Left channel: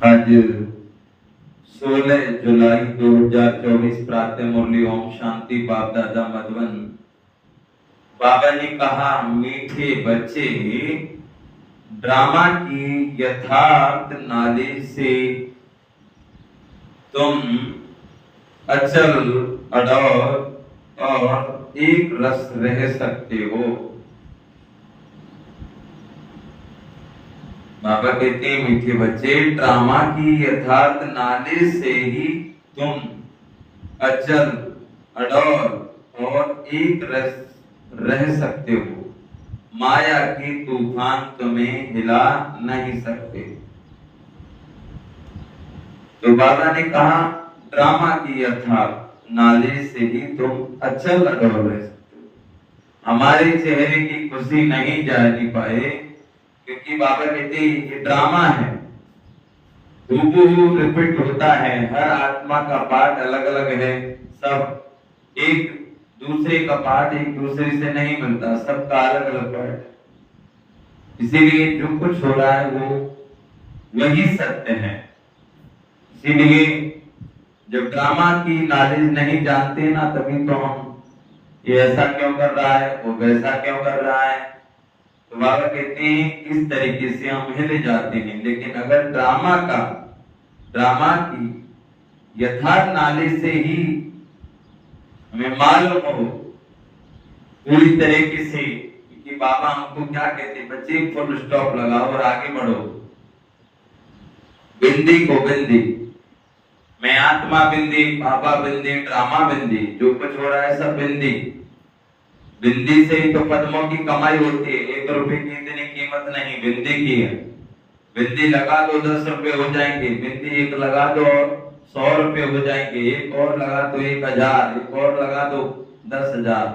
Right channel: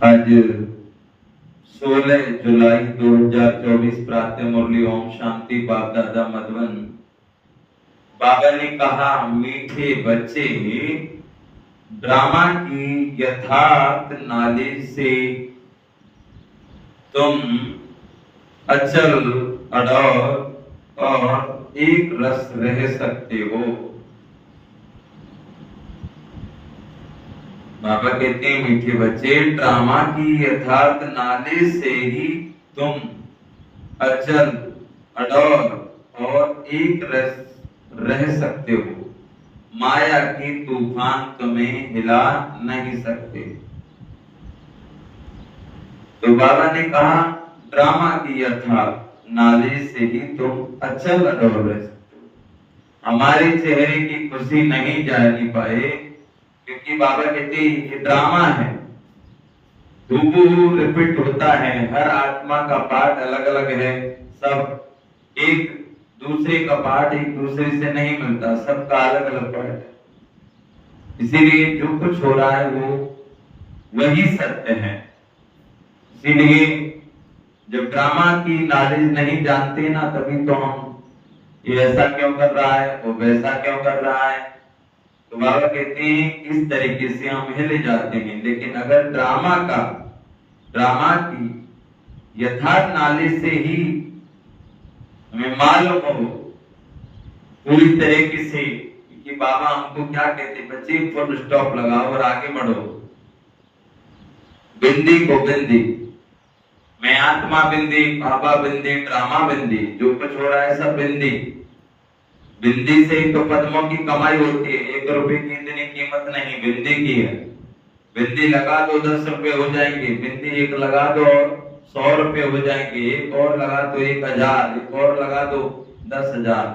आज 16 जुलाई 2024 प्रातः मुरली ओम शांति बाप दादा मधुबन। बाबा ने कहा, मीठे बच्चे, ड्रामा की यथार्थ नॉलेज से तुम अचल अडौल और एक रस रह सकते हो। बाबा कहते हैं, मीठे बच्चे, ड्रामा की यथार्थ नॉलेज से ही तुम अचल अडौल और एक रस रह सकते हो। माया के तूफान तुम्हें हिला नहीं सकते। तो बाबा ने कहा, ड्रामा की यथार्थ नॉलेज से ही तुम अचल अडौल रह सकते हो। हमारे चेहरे की खुशी नहीं जानी पाए, क्योंकि बाबा कहते हैं ये ड्रामा है, हूबहू रिपीट होता है। हर आत्मा का पार्ट अलग अलग है, सब एक दूसरे का पार्ट एक दूसरे से नहीं मिलता, सबका अलग अलग पार्ट है। इसीलिए जो कुछ हो रहा है वो वही सत्य है। इसीलिए जब ड्रामा की नॉलेज नहीं जानते ना, तभी तो हम ये ऐसा क्यों कर रहा है, वो वैसा क्यों कर रहा है। तो बाबा कहते हैं इस तरीके से हम हिले जाते हैं। लेकिन अगर ड्रामा की यथार्थ नॉलेज से ही हमें मालूम हो पूरी तरीके से कि बाबा हमको क्या कहते, बच्चे फुल स्टॉप लगाओ और आगे बढ़ो। बिंदी को बिंदी, मैं आत्मा बिंदी, बाबा बिंदी, ड्रामा बिंदी, जो कुछ हो रहा है सब बिंदी। बिंदी से ही तो पद्मों की कमाई होती है। 1 रुपए की इतनी कीमत नहीं, बिंदी की है। बिंदी लगा दो 10 रुपए हो जाएंगे, बिंदी एक लगा दो 100 रुपए हो जाएंगे, एक और लगा दो 1000, एक और लगा दो 10,000।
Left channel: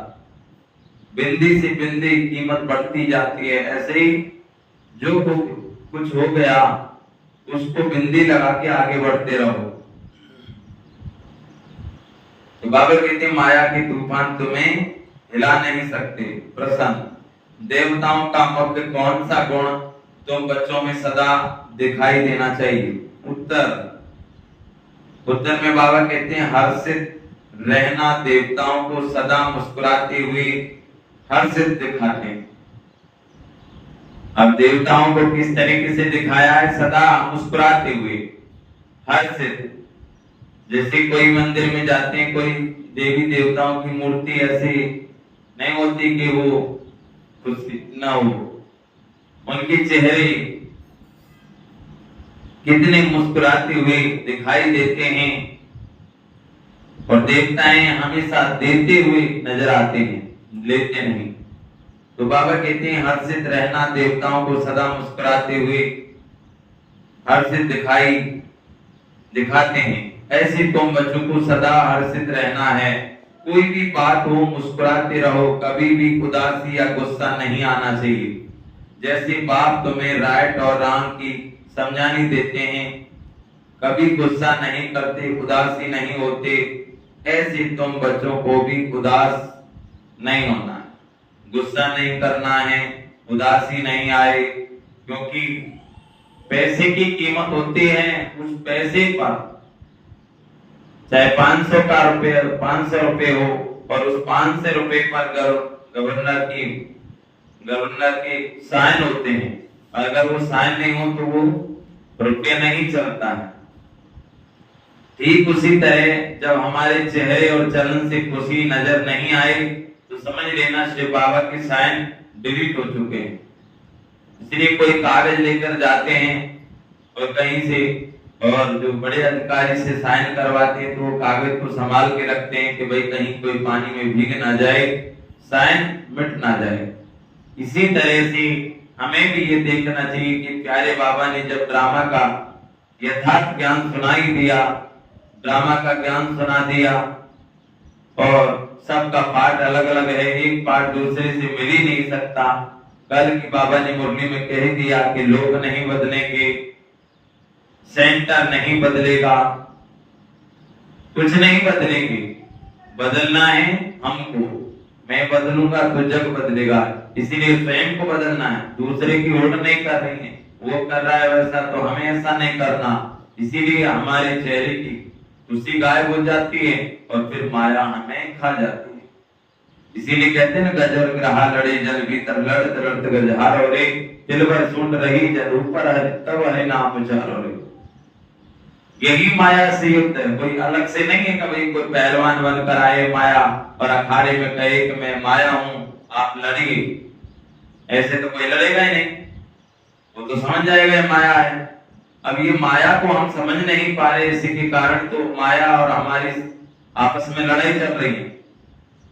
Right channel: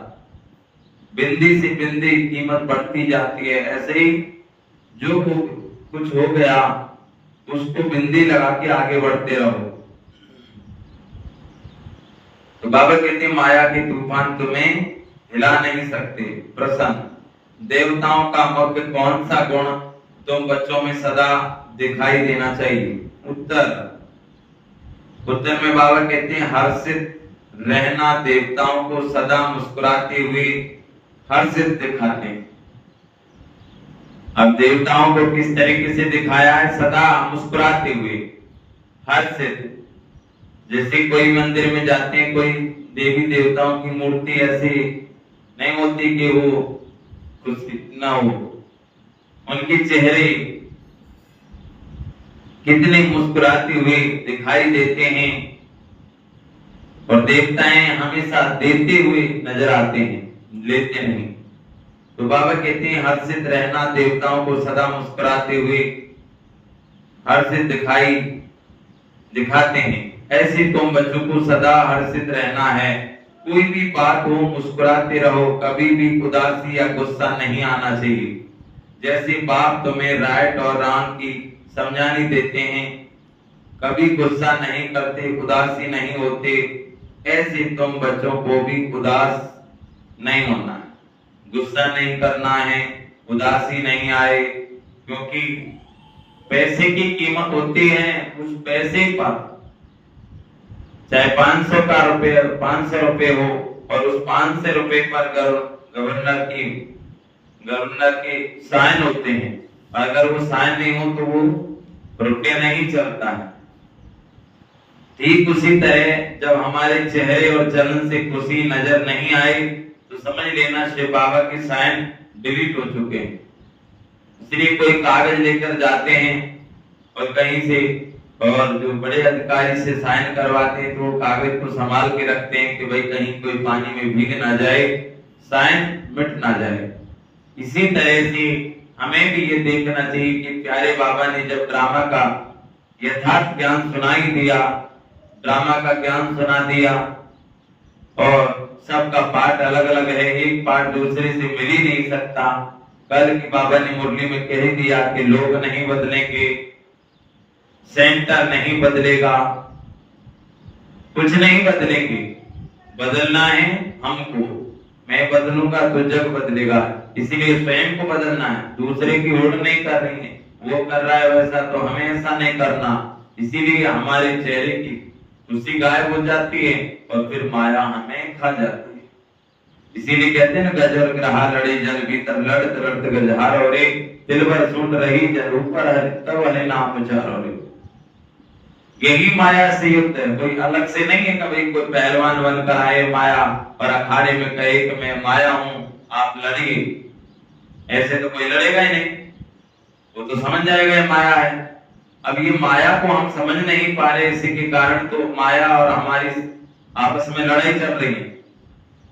बिंदी से बिंदी कीमत बढ़ती जाती है। ऐसे ही जो कुछ हो गया उसको बिंदी लगा के आगे बढ़ते रहो। तो बाबा कहते हैं, माया के तूफान तुम्हें हिला नहीं सकते। प्रश्न, देवताओं का मुख्य कौन सा गुण तुम बच्चों में सदा दिखाई देना चाहिए? उत्तर में बाबा कहते हैं, हर्षित रहना। देवताओं को सदा मुस्कुराते हुए हर्षित दिखाते हैं। अब देवताओं को किस तरीके से दिखाया है? सदा मुस्कुराते हुए हर्षित। जैसे कोई मंदिर में जाते हैं, कोई देवी देवताओं की मूर्ति ऐसी नहीं होती कि वो खुशी ना हो, उनके चेहरे कितने मुस्कुराते हुए दिखाई देते हैं। और देवताएं हमेशा देते हुए नजर आते हैं, लेते नहीं। तो बाबा कहते हैं, हर्षित रहना। देवताओं को सदा मुस्कुराते हुए हर्षित दिखाते हैं। ऐसे तुम बच्चों को सदा हर्षित रहना है। कोई भी बात हो मुस्कुराते रहो, कभी भी उदासी या गुस्सा नहीं आना चाहिए। जैसे बाप तुम्हें राइट और रॉन्ग की समझानी देते हैं, कभी गुस्सा नहीं करते, उदासी नहीं होते, ऐसे तुम बच्चों को भी उदास नहीं होना है, गुस्सा नहीं करना है, उदासी नहीं आए। क्योंकि पैसे की कीमत होती है उस पैसे पर, चाहे 500 रुपए हो, और उस 500 रुपए पर गवर्नर के साइन होते हैं। अगर वो साइन नहीं हो तो वो रुपया नहीं चलता है। ठीक उसी तरह जब हमारे चेहरे और चलन से खुशी नजर नहीं आए तो समझ लेना शिव बाबा के साइन डिलीट हो चुके हैं। इसलिए कोई कागज लेकर जाते हैं और कहीं से, और जो बड़े अधिकारी से साइन करवाते हैं तो वो कागज को संभाल के रखते हैं कि भाई कहीं कोई पानी में भीग ना जाए, साइन मिट ना जाए। इसी तरह से हमें भी ये देखना चाहिए कि प्यारे बाबा ने जब ड्रामा का यथार्थ ज्ञान सुनाई दिया, ड्रामा का ज्ञान सुना दिया, और सबका पार्ट अलग अलग है, एक पार्ट दूसरे से मिल ही नहीं सकता। कल की बाबा ने मुरली में कह दिया कि लोग नहीं बदलेंगे, सेंटर नहीं बदलेगा, कुछ नहीं बदलेंगे। बदलना है हमको, मैं बदलूंगा तो जग बदलेगा। इसीलिए स्वयं को बदलना है, दूसरे की ओट नहीं कर रही है। वो कर रहा है वैसा, तो हमें ऐसा नहीं करना। इसीलिए हमारे चेहरे की खुशी गायब हो जाती है और फिर माया हमें खा जाती है। इसीलिए कहते हैं ना, गजर ग्रहा लड़े जल भीतर लड़त लड़त गजहारो रे, दिल भर सुन रही जल ऊपर है तब है नाम उचारो रे। यही माया से युक्त है, कोई अलग से नहीं है। कभी कोई पहलवान बनकर आए माया और अखाड़े में कहे कि मैं माया हूं, आप लड़िए, ऐसे तो कोई लड़ेगा ही नहीं, वो तो समझ जाएगा माया है। अब ये माया को हम समझ नहीं पा रहे, इसी के कारण तो माया और हमारी आपस में लड़ाई चल रही है।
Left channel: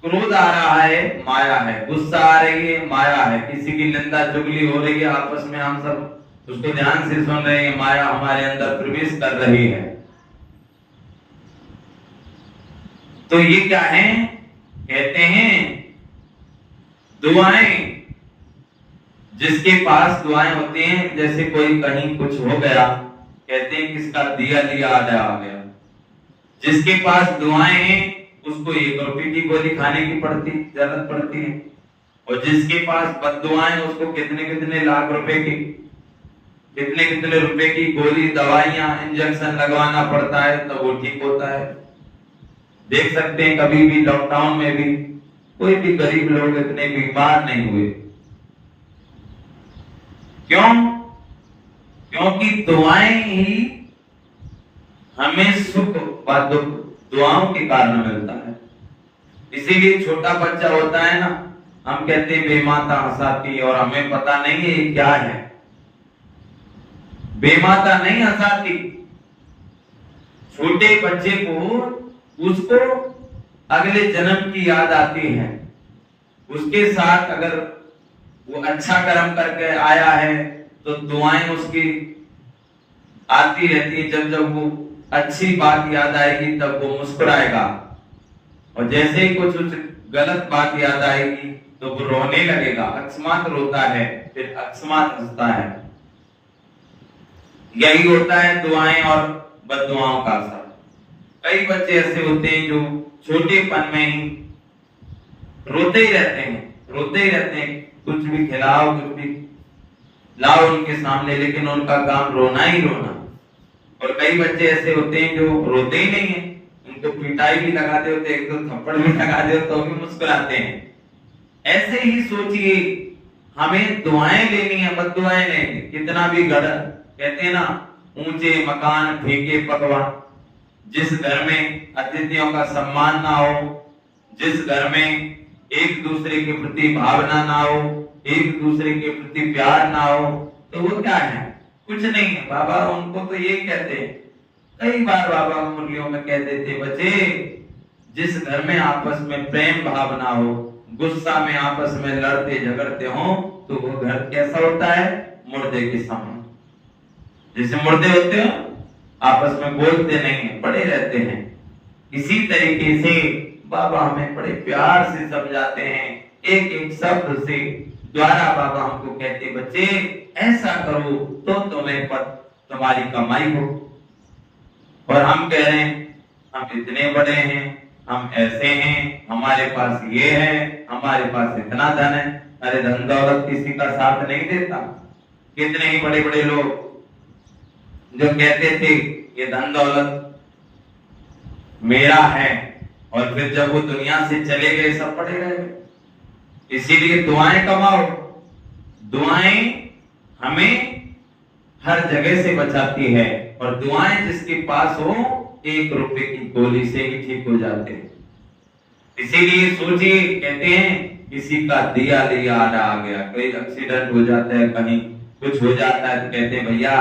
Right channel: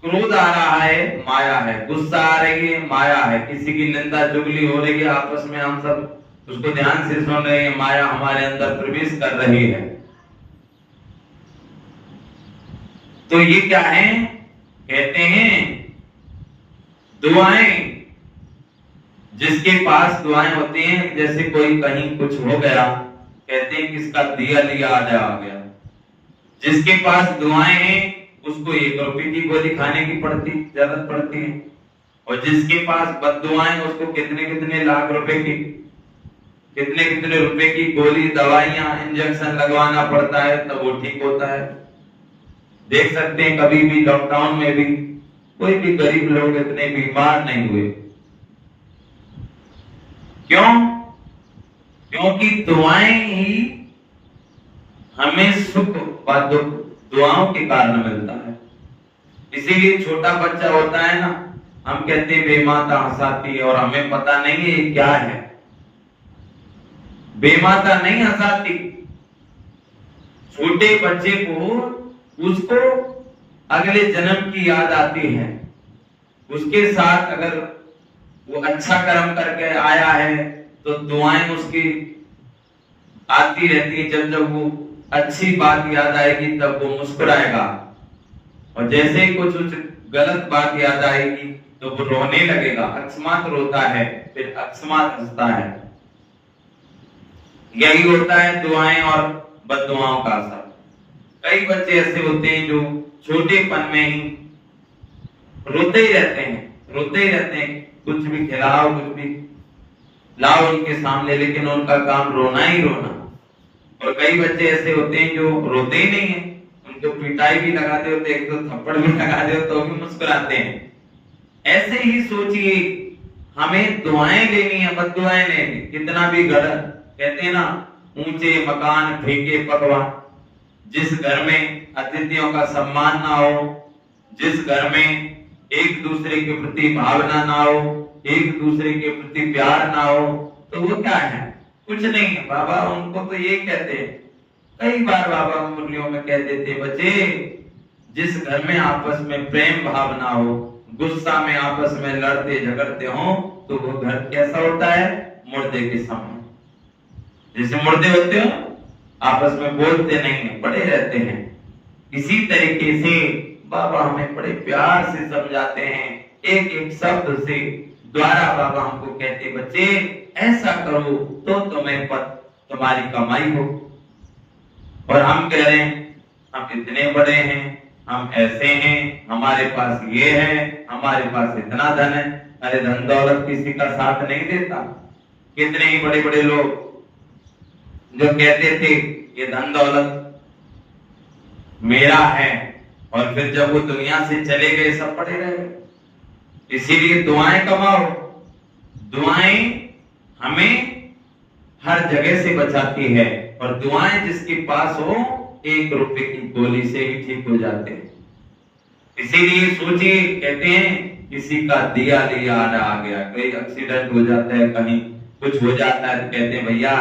क्रोध आ रहा है, माया है, गुस्सा आ रही है, माया है, किसी की निंदा चुगली हो रही है आपस में, हम सब उसको ध्यान से सुन रहे हैं, माया हमारे अंदर प्रवेश कर रही है। तो ये क्या है? कहते हैं दुआएं। जिसके पास दुआएं होती हैं, जैसे कोई कहीं कुछ हो गया, कहते हैं किसका दिया लिया आधा आ गया। जिसके पास दुआएं हैं उसको 1 रुपए की गोली खाने की जरूरत पड़ती है, और जिसके पास बद्दुआएं उसको कितने कितने लाख रुपए की, कितने कितने रुपए की गोली, दवाइयां, इंजेक्शन लगवाना पड़ता है तब वो ठीक होता है। देख सकते हैं कभी भी लॉकडाउन में भी कोई भी गरीब लोग इतने बीमार नहीं हुए। क्यों? क्योंकि दुआएं ही हमें सुख व दुख दुआओं के कारण मिलता है। इसीलिए छोटा बच्चा होता है ना, हम कहते हैं बेमाता हंसाती, और हमें पता नहीं है ये क्या है। बेमाता नहीं हंसाती, छोटे बच्चे को उसको अगले जन्म की याद आती है। उसके साथ अगर वो अच्छा कर्म करके आया है तो दुआएं उसकी आती रहती है। जब जब वो अच्छी बात याद आएगी तब वो मुस्कुराएगा, और जैसे ही कुछ गलत बात याद आएगी तो वो रोने लगेगा। अकस्मात रोता है, फिर अकस्मात हंसता है। यही होता है दुआएं और बद्दुआओं का असर। कई बच्चे ऐसे होते हैं जो छोटेपन में ही रोते ही रहते हैं, कुछ भी खिलाओ, कुछ भी लाओ उनके सामने, लेकिन उनका काम रोना ही रोना। और कई बच्चे ऐसे होते हैं जो रोते ही नहीं है, उनको पिटाई भी लगाते होते, 1-2 थप्पड़ भी लगा दे तो भी मुस्कुराते हैं। ऐसे ही सोचिए, हमें दुआएं लेनी है, बद्दुआएं नहीं। कितना भी गलत, कहते हैं ना, ऊंचे मकान फीके पकवान। जिस घर में अतिथियों का सम्मान ना हो, जिस घर में एक दूसरे के प्रति भावना ना हो, एक दूसरे के प्रति प्यार ना हो, तो वो क्या है? कुछ नहीं है। बाबा उनको तो ये कहते हैं, कई बार बाबा मुरलियों में कहते थे, बच्चे जिस घर में आपस में प्रेम भावना हो, गुस्सा में आपस में लड़ते झगड़ते हो, तो वो घर कैसा होता है? मुर्दे के समान। जैसे मुर्दे होते हो, आपस में बोलते नहीं है, पड़े रहते हैं। इसी तरीके से बाबा हमें बड़े प्यार से समझाते हैं, एक एक शब्द से द्वारा बाबा हमको कहते, बच्चे ऐसा करो तो तुम्हें तुम्हारी कमाई हो। और हम कह रहे हैं हम इतने बड़े हैं, हम ऐसे हैं, हमारे पास ये है, हमारे पास इतना धन है। अरे धन दौलत किसी का साथ नहीं देता। कितने ही बड़े बड़े लोग जो कहते थे ये धन दौलत मेरा है, और फिर जब वो दुनिया से चले गए सब पड़े रह गए। इसीलिए दुआएं कमाओ। दुआएं हमें हर जगह से बचाती है, और दुआएं जिसके पास हो 1 रुपए की गोली से ही ठीक हो जाते हैं। इसीलिए सोचिए, कहते हैं किसी का दिया लिया आ गया, कोई एक्सीडेंट हो जाता है, कहीं कुछ हो जाता है, तो कहते हैं भैया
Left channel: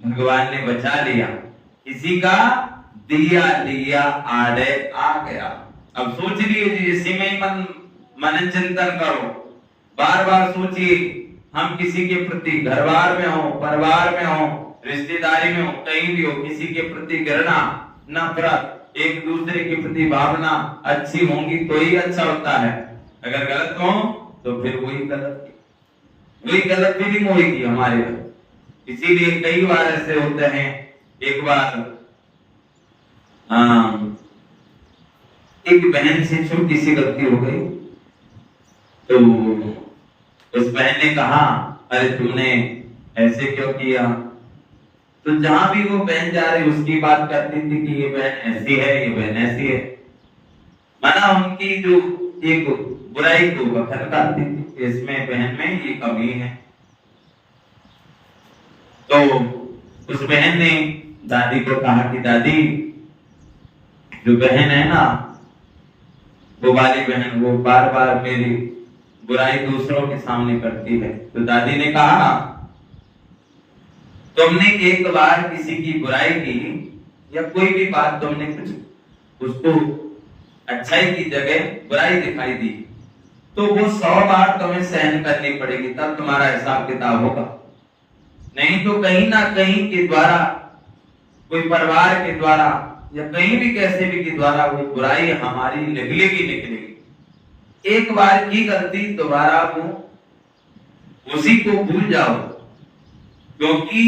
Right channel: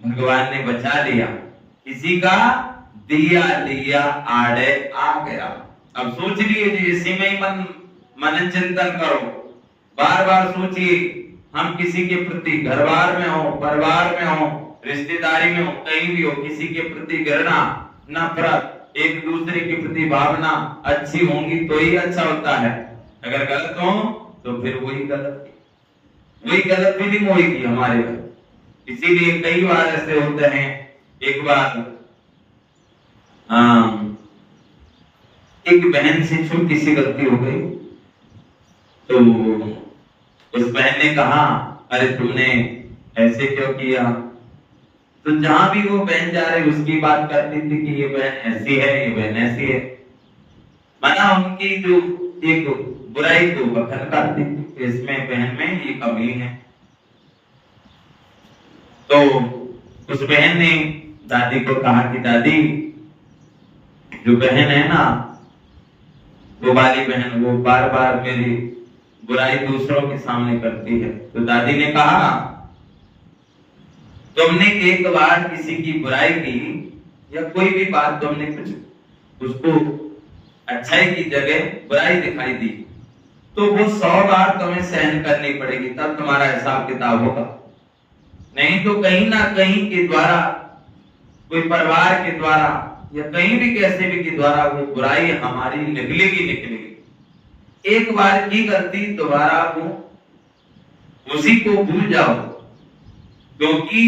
भगवान ने बचा लिया। किसी का दिया लिया आड़े आ गया। अब सोच लीजिए, इसी में ही मन चिंतन करो, बार बार सोचिए। हम किसी के प्रति, घर बार में हो, परिवार में हो, रिश्तेदारी में हो, कहीं भी हो, किसी के प्रति घृणा, नफरत, एक दूसरे के प्रति भावना अच्छी होंगी तो ही अच्छा होता है। अगर गलत हो तो फिर वही गलत फीलिंग होगी हमारे अंदर। इसीलिए कई बार ऐसे होते हैं। एक बार एक बहन से छोटी सी गलती हो गई, तो उस बहन ने कहा, अरे तुमने ऐसे क्यों किया? तो जहां भी वो बहन जा रही उसकी बात करती थी कि ये बहन ऐसी है, ये बहन ऐसी है, माना उनकी जो एक बुराई को बखर करती थी, इसमें बहन में ये कमी है। तो उस बहन ने दादी को कहा कि दादी, जो बहन है ना, वो वाली बहन, वो बार बार मेरी बुराई दूसरों के सामने करती है। तो दादी ने कहा, तुमने एक बार किसी की बुराई की या कोई भी बात तुमने कुछ उसको अच्छाई की जगह बुराई दिखाई दी, तो वो 100 बार तुम्हें सहन करनी पड़ेगी, तब तुम्हारा हिसाब किताब होगा। नहीं तो कहीं ना कहीं के द्वारा, कोई परिवार के द्वारा या कहीं भी कैसे भी के द्वारा वो बुराई हमारी निकलेगी। एक बार की गलती दोबारा वो उसी को भूल जाओ, क्योंकि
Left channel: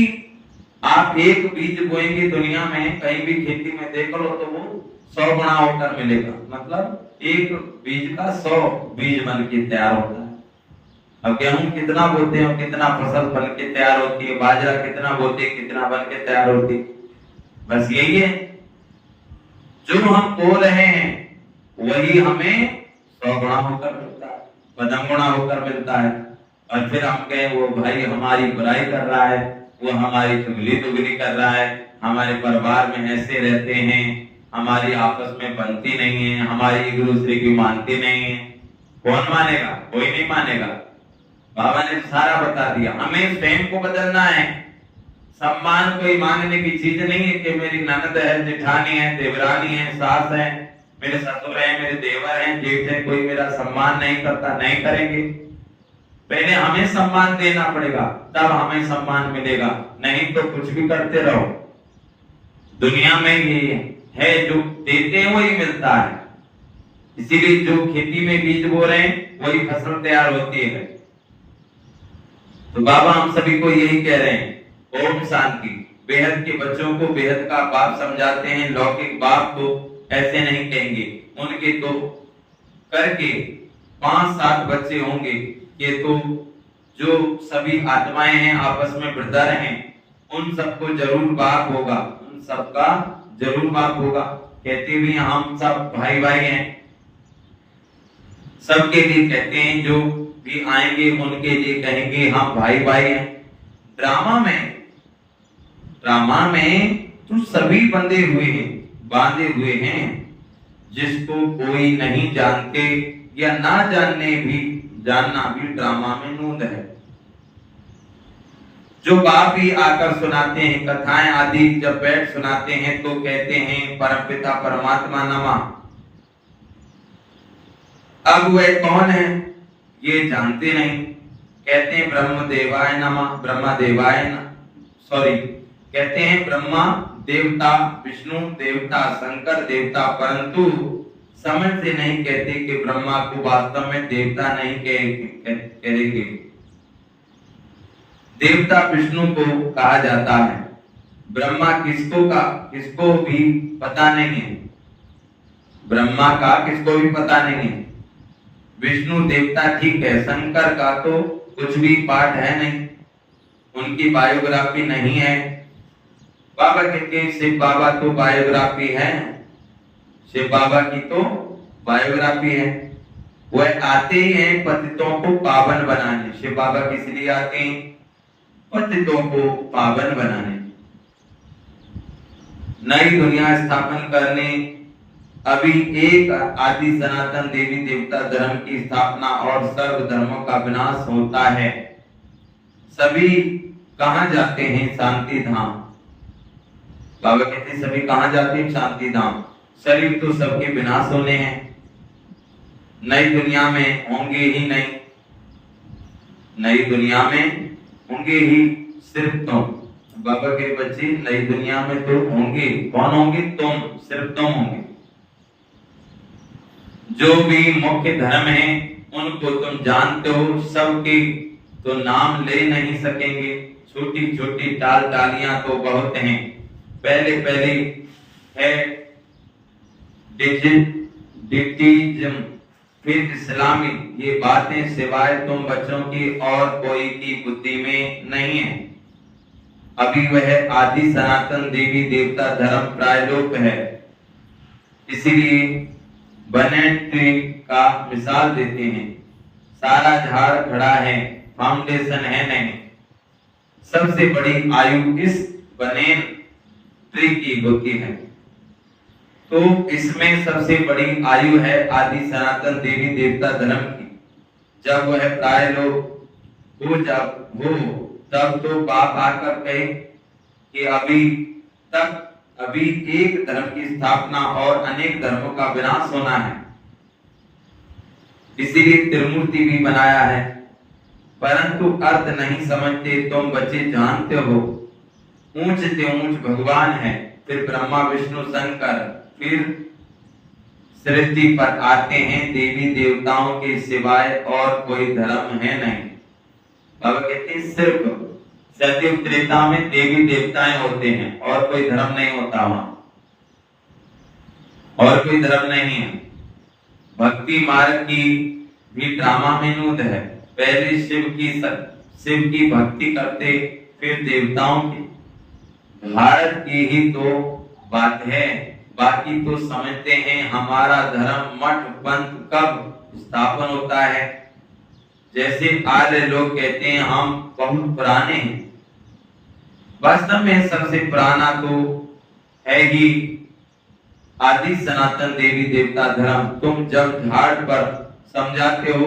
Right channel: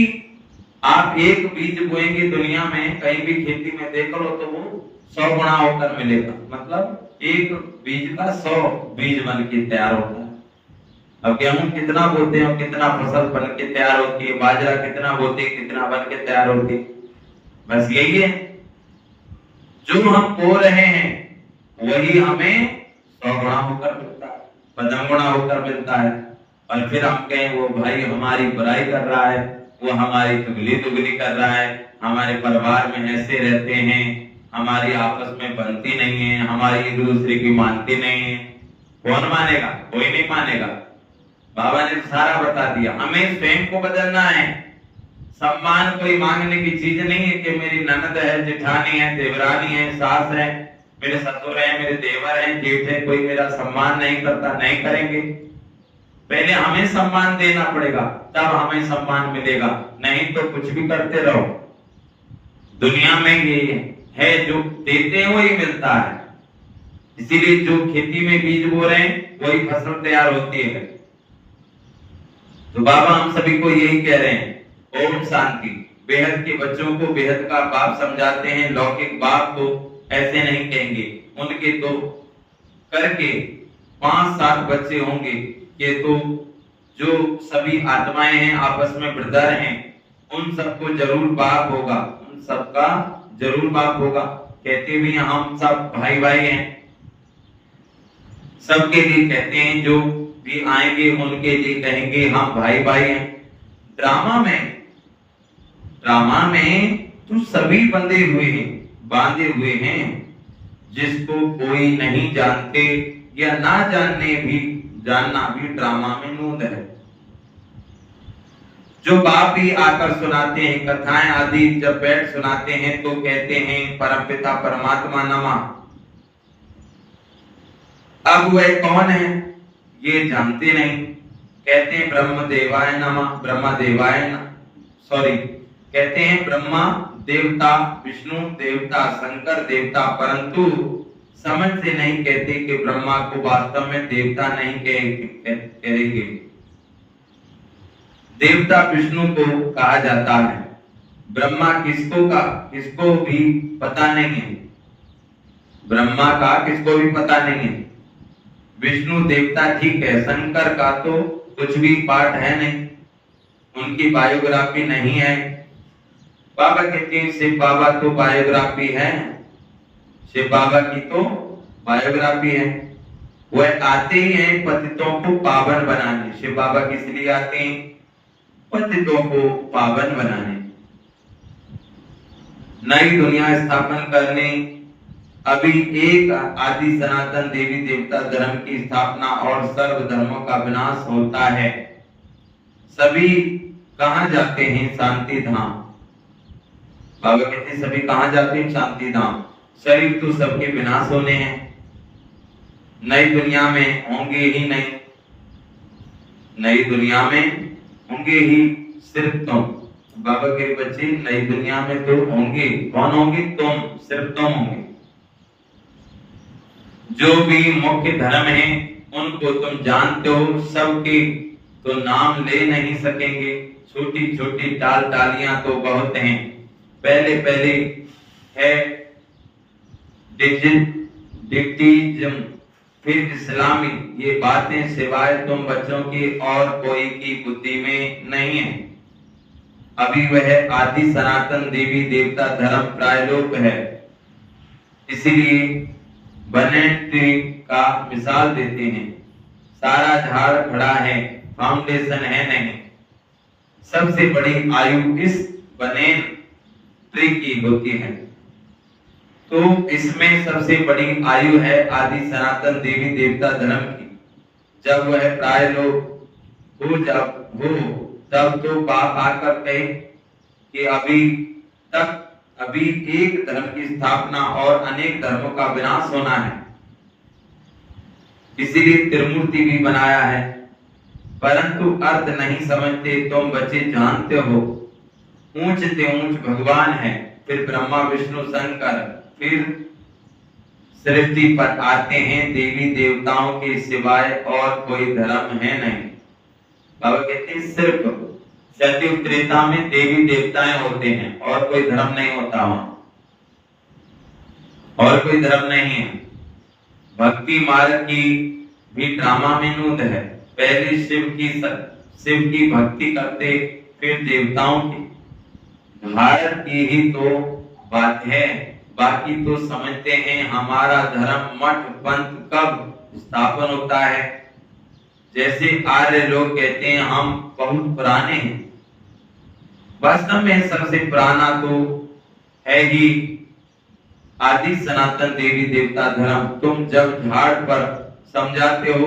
आप एक बीज बोएंगे दुनिया में, कहीं भी खेती में देख लो तो वो 100 गुना होकर मिलेगा। मतलब एक बीज का 100 बीज बन के तैयार होता है। अब गेहूं कितना बोते हैं, कितना फसल बन के तैयार होती है, बाजरा कितना बोते हैं, कितना बन के तैयार होती है। बस यही है, जो हम बो रहे हैं वही हमें 100 गुना होकर मिलता है, 15 गुना होकर मिलता है। और फिर हम कहें वो भाई हमारी बुराई कर रहा है, वो हमारी चुगली दुगली कर रहा है, हमारे परिवार में ऐसे रहते हैं, हमारी आपस में बनती नहीं है, हमारी एक दूसरे की मानती नहीं है। कौन मानेगा? कोई नहीं मानेगा। बाबा ने सारा बता दिया। हमें स्वयं को बदलना है। सम्मान कोई मांगने की चीज नहीं है कि मेरी ननद है, जेठानी है, देवरानी है, सास है, मेरे ससुर है, मेरे देवर है, जेठ है, कोई मेरा सम्मान नहीं करता, नहीं करेंगे। पहले हमें सम्मान देना पड़ेगा, तब हमें सम्मान मिलेगा। नहीं तो कुछ भी करते रहो। दुनिया में ये है, जो देते हैं वही मिलता है। इसीलिए जो खेती में बीज बो रहे हैं वही फसल तैयार होती है। तो बाबा हम सभी को यही कह रहे हैं, ओम शांति। बेहद के बच्चों को बेहद का बाप समझाते हैं, लौकिक बाप तो ऐसे नहीं कहेंगे। उनके तो करके 5-7 बच्चे होंगे कि तो जो सभी आत्माएं हैं आपस में ब्रदर हैं, उन सबको जरूर बाप होगा, उन सबका जरूर बाप होगा। कहते भी हम सब भाई भाई हैं, सबके लिए कहते हैं, जो भी आएंगे उनके लिए कहेंगे हम भाई भाई हैं। ड्रामा में तो सभी बांधे हुए हैं, जिसको कोई नहीं जानते या ना जानना भी ड्रामा में नूंद है। जो बाप ही आकर सुनाते हैं कथाएं आदि, जब बैठ सुनाते हैं तो कहते हैं परमपिता परमात्मा नमः। अब वह कौन है ये जानते नहीं, कहते हैं ब्रह्म देवाय नमः, कहते हैं ब्रह्मा देवता, विष्णु देवता, शंकर देवता, परंतु समझ से नहीं कहते कि ब्रह्मा को वास्तव में देवता नहीं कहेंगे। देवता विष्णु को कहा जाता है। ब्रह्मा किसको भी पता नहीं है, ब्रह्मा का किसको भी पता नहीं है। विष्णु देवता ठीक है, शंकर का तो कुछ भी पाठ है नहीं, उनकी बायोग्राफी नहीं है। बाबा कहते हैं शिव बाबा तो बायोग्राफी है, शिव बाबा की तो बायोग्राफी है। वह आते ही हैं पतितों को पावन बनाने। शिव बाबा किस लिए आते हैं? पतितों को पावन बनाने, नई दुनिया स्थापन करने। अभी एक आदि सनातन देवी देवता धर्म की स्थापना और सर्व धर्मों का विनाश होता है। सभी कहां जाते हैं? शांति धाम। बाबा कहते हैं सभी कहां जाते हैं? शांति धाम। शरीर तो सबके विनाश होने हैं, नई दुनिया में होंगे ही नहीं, नई दुनिया में होंगे ही सिर्फ तुम। बाबा के बच्चे नई दुनिया में तो होंगे, कौन होंगे? तुम, सिर्फ तुम होंगे। जो भी मुख्य धर्म है उनको तुम जानते हो, सबके तो नाम ले नहीं सकेंगे। छोटी छोटी टालियां तो बहुत हैं। पहले है डिक्टिज्म, फिर इस्लामी। ये बातें सिवाय तुम बच्चों की और कोई की बुद्धि में नहीं है। अभी वह आदि सनातन देवी देवता धर्म प्रायलोप है। इसीलिए बने ट्री का मिसाल देते हैं। सारा झाड़ खड़ा है, फाउंडेशन है नहीं। सबसे बड़ी आयु इस बनेन ट्री की होती है। तो इसमें सबसे बड़ी आयु है आदि सनातन देवी देवता धर्म की। जब वह प्रायलोप हो तब तो बाप आकर कहे कि अभी एक धर्म की स्थापना और अनेक धर्मों का विनाश होना है। इसीलिए त्रिमूर्ति भी बनाया है, परंतु अर्थ नहीं समझते। तुम बच्चे जानते हो ऊंच से ऊंच भगवान है, फिर ब्रह्मा विष्णु शंकर, फिर सृष्टि पर आते हैं देवी देवताओं के सिवाय और कोई धर्म है नहीं। बाबा कहते हैं सिर्फ सतयुग त्रेता में देवी देवताएं होते हैं और कोई धर्म नहीं होता वहां, और कोई धर्म नहीं है। भक्ति मार्ग की भी ड्रामा में नूत है। पहले शिव की भक्ति करते, फिर देवताओं की। भारत की ही तो बात है, बाकी तो समझते हैं हमारा धर्म मठ पंथ कब स्थापन होता है। जैसे आर्य लोग कहते हैं हम बहुत पुराने हैं। वास्तव में सबसे पुराना तो है ही आदि सनातन देवी देवता धर्म। तुम जब झाड़ पर समझाते हो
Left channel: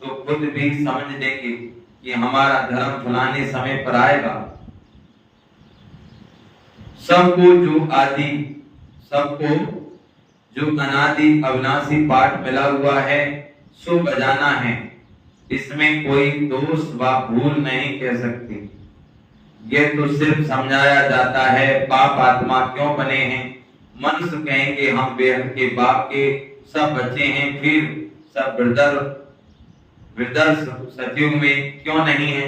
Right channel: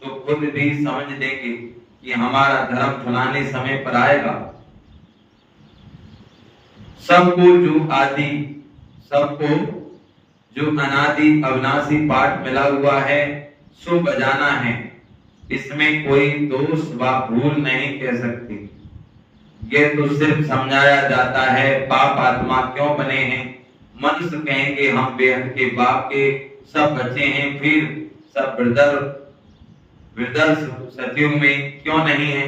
तो खुद भी समझ लेंगे कि हमारा धर्म फलाने समय पर आएगा। सबको जो अनादि अविनाशी पाठ मिला हुआ है सो बजाना है। इसमें कोई दोष व भूल नहीं कह सकती। ये तो सिर्फ समझाया जाता है पाप आत्मा क्यों बने हैं। मनुष्य कहेंगे हम बेहद के बाप के सब बच्चे हैं, फिर सब ब्रदर्स सतयुग में क्यों नहीं है।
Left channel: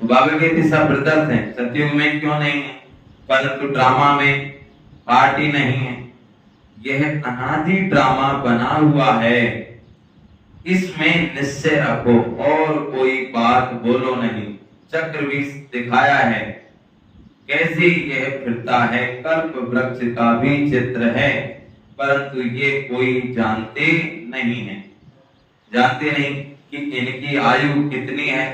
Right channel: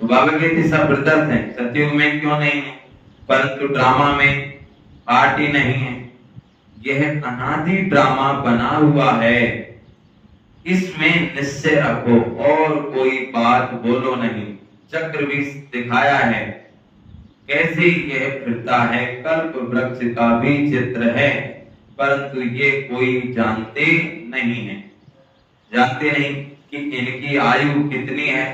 तो बाबा कहते सब ब्रदर्स हैं, सतयुग में क्यों नहीं है, परंतु ड्रामा में पार्ट ही नहीं है। यह अनादि ड्रामा बना हुआ है, इसमें निश्चय रखो और कोई बात बोलो नहीं। चक्र भी दिखाया है कैसे यह फिरता है। कल्प वृक्ष का भी चित्र है, परंतु ये कोई जानते नहीं है। जानते नहीं कि इनकी आयु कितनी है।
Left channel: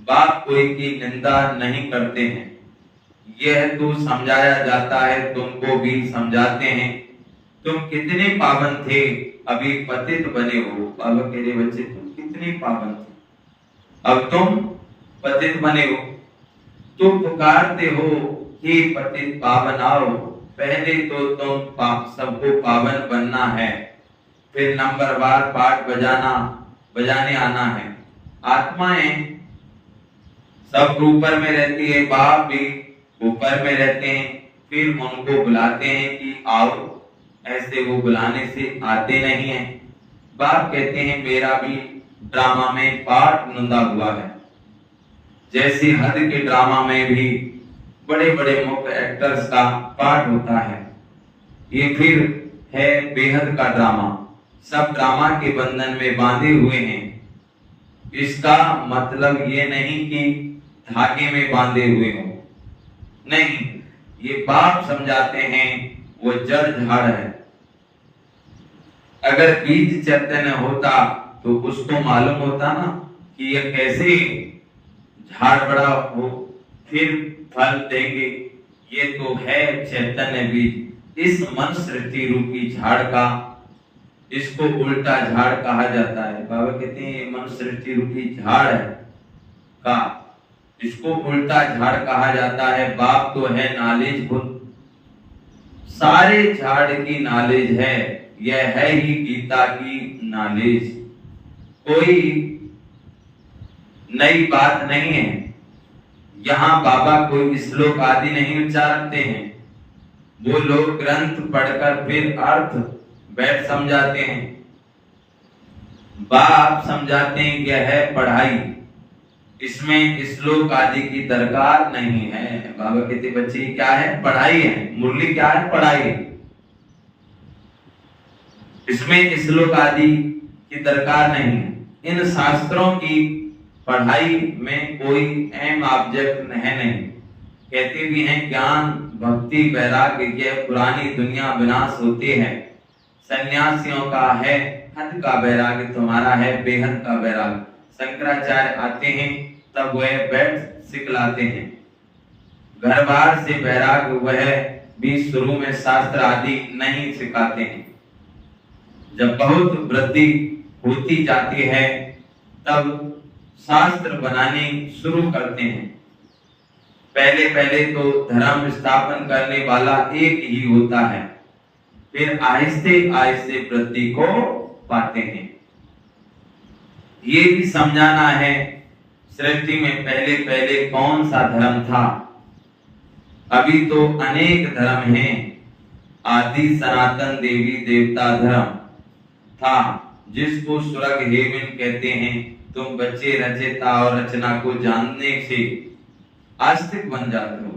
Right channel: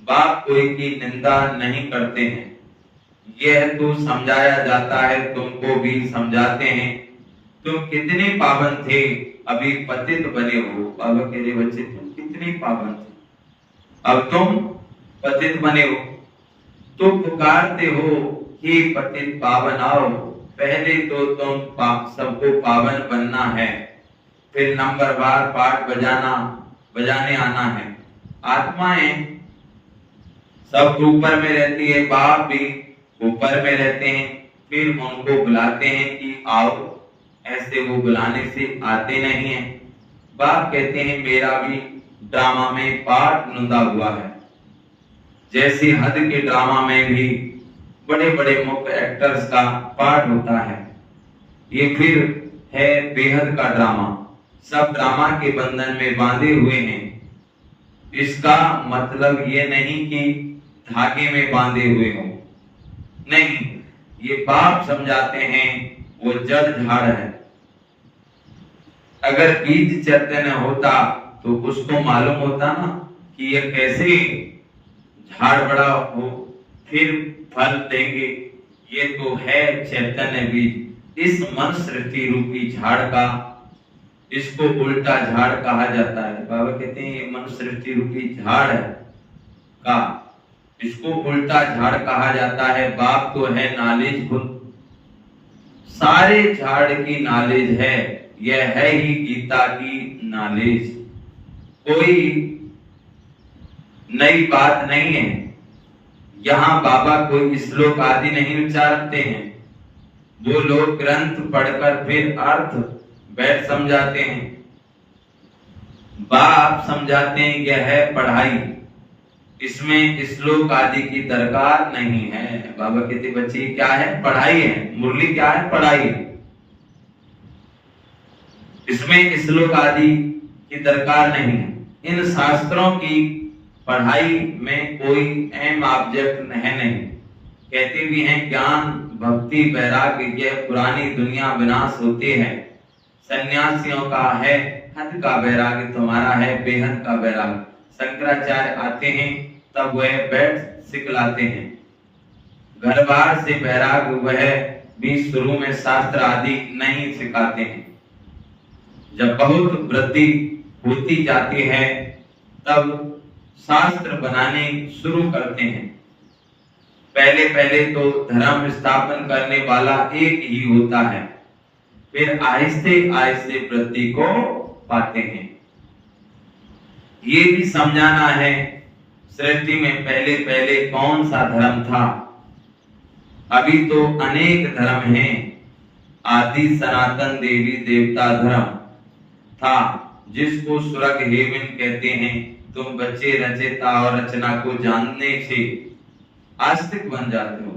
बाप कोई की निंदा नहीं करते हैं। यह तो समझाया जाता है, तुमको भी समझाते हैं। तुम कितने पावन थे, अभी पतित बने हो। बाबा कह रहे बच्चे तुम कितने पावन थे, अब तुम पतित बने हो। तो पुकारते हो कि पतित पावन आओ। पहले तो तुम सबको पावन बनना है, फिर नंबरवार पाठ बजाने आना है। आत्माएं सब ऊपर में रहती है, बाप भी ऊपर में रहते हैं। फिर उनको बुलाते हैं कि आओ, ऐसे वो बुलाने से आते नहीं है। बाप कहते हैं मेरा भी ड्रामा में पार्ट नुंदा हुआ है। जैसे हद के ड्रामा में भी बड़े बड़े मुख्य एक्टर्स का पार्ट होता है, ये फिर है बेहद का ड्रामा। सब ड्रामा के बंधन में बांधे हुए हैं। इसका मतलब ये नहीं कि धागे में बांधे हुए हो, नहीं। ये बाप समझाते हैं वो जड़ झाड़ है। अगर बीज चैतन्य होता तो उसको मालूम होता ना कि ये कैसे झाड़ बड़ा हो फिर फल देंगे। ये तो है चैतन्य बीज। इस मन सृष्टि रूपी झाड़ का, इसको उल्टा झाड़ कहा जाता है। बाबा कहते हैं ये मन सृष्टि रूपी झाड़ का, इसको उल्टा झाड़ कहा जाता है। बाप तो है नॉलेज खुद, सारे झाड़ की नॉलेज है। यह है ही गीता की नॉलेज, कोई नई बात नहीं है। यहाँ बाबा कोई श्लोक आदि नहीं उच्चारते हैं। वो लोग ग्रंथ पढ़कर फिर अर्थ बैठ समझाते हैं। बाप समझाते हैं यह है पढ़ाई, इसमें श्लोक आदि की दरकार नहीं है। बाबा कहते बच्चे क्या है, पढ़ाई है। मुरली क्या है, पढ़ाई। इसमें श्लोक आदि की दरकार नहीं है। इन शास्त्रों की पढ़ाई में कोई एम ऑब्जेक्ट है नहीं। कहते भी हैं ज्ञान भक्ति वैराग्य ये पुरानी दुनिया विनाश होते हैं, सन्यासियों का है हद का वैराग्य, तुम्हारा है बेहद का वैराग्य। शंकराचार्य आते हैं तब वह बैठ सिखलाते हैं, घर बार से वैराग्य वह भी शुरू में शास्त्र आदि नहीं सिखाते हैं। जब बहुत वृद्धि होती जाती है तब शास्त्र बनाने शुरू करते हैं। पहले पहले तो धर्म स्थापन करने वाला एक ही होता है, फिर आहिस्ते आहिस्ते वृद्धि को पाते हैं। ये भी समझाना है सृष्टि में पहले पहले कौन सा धर्म था। अभी तो अनेक धर्म हैं। आदि सनातन देवी देवता धर्म था जिसको स्वर्ग हेवन कहते हैं। तुम बच्चे रचयिता और रचना को जानने से आस्तिक बन जाते हो।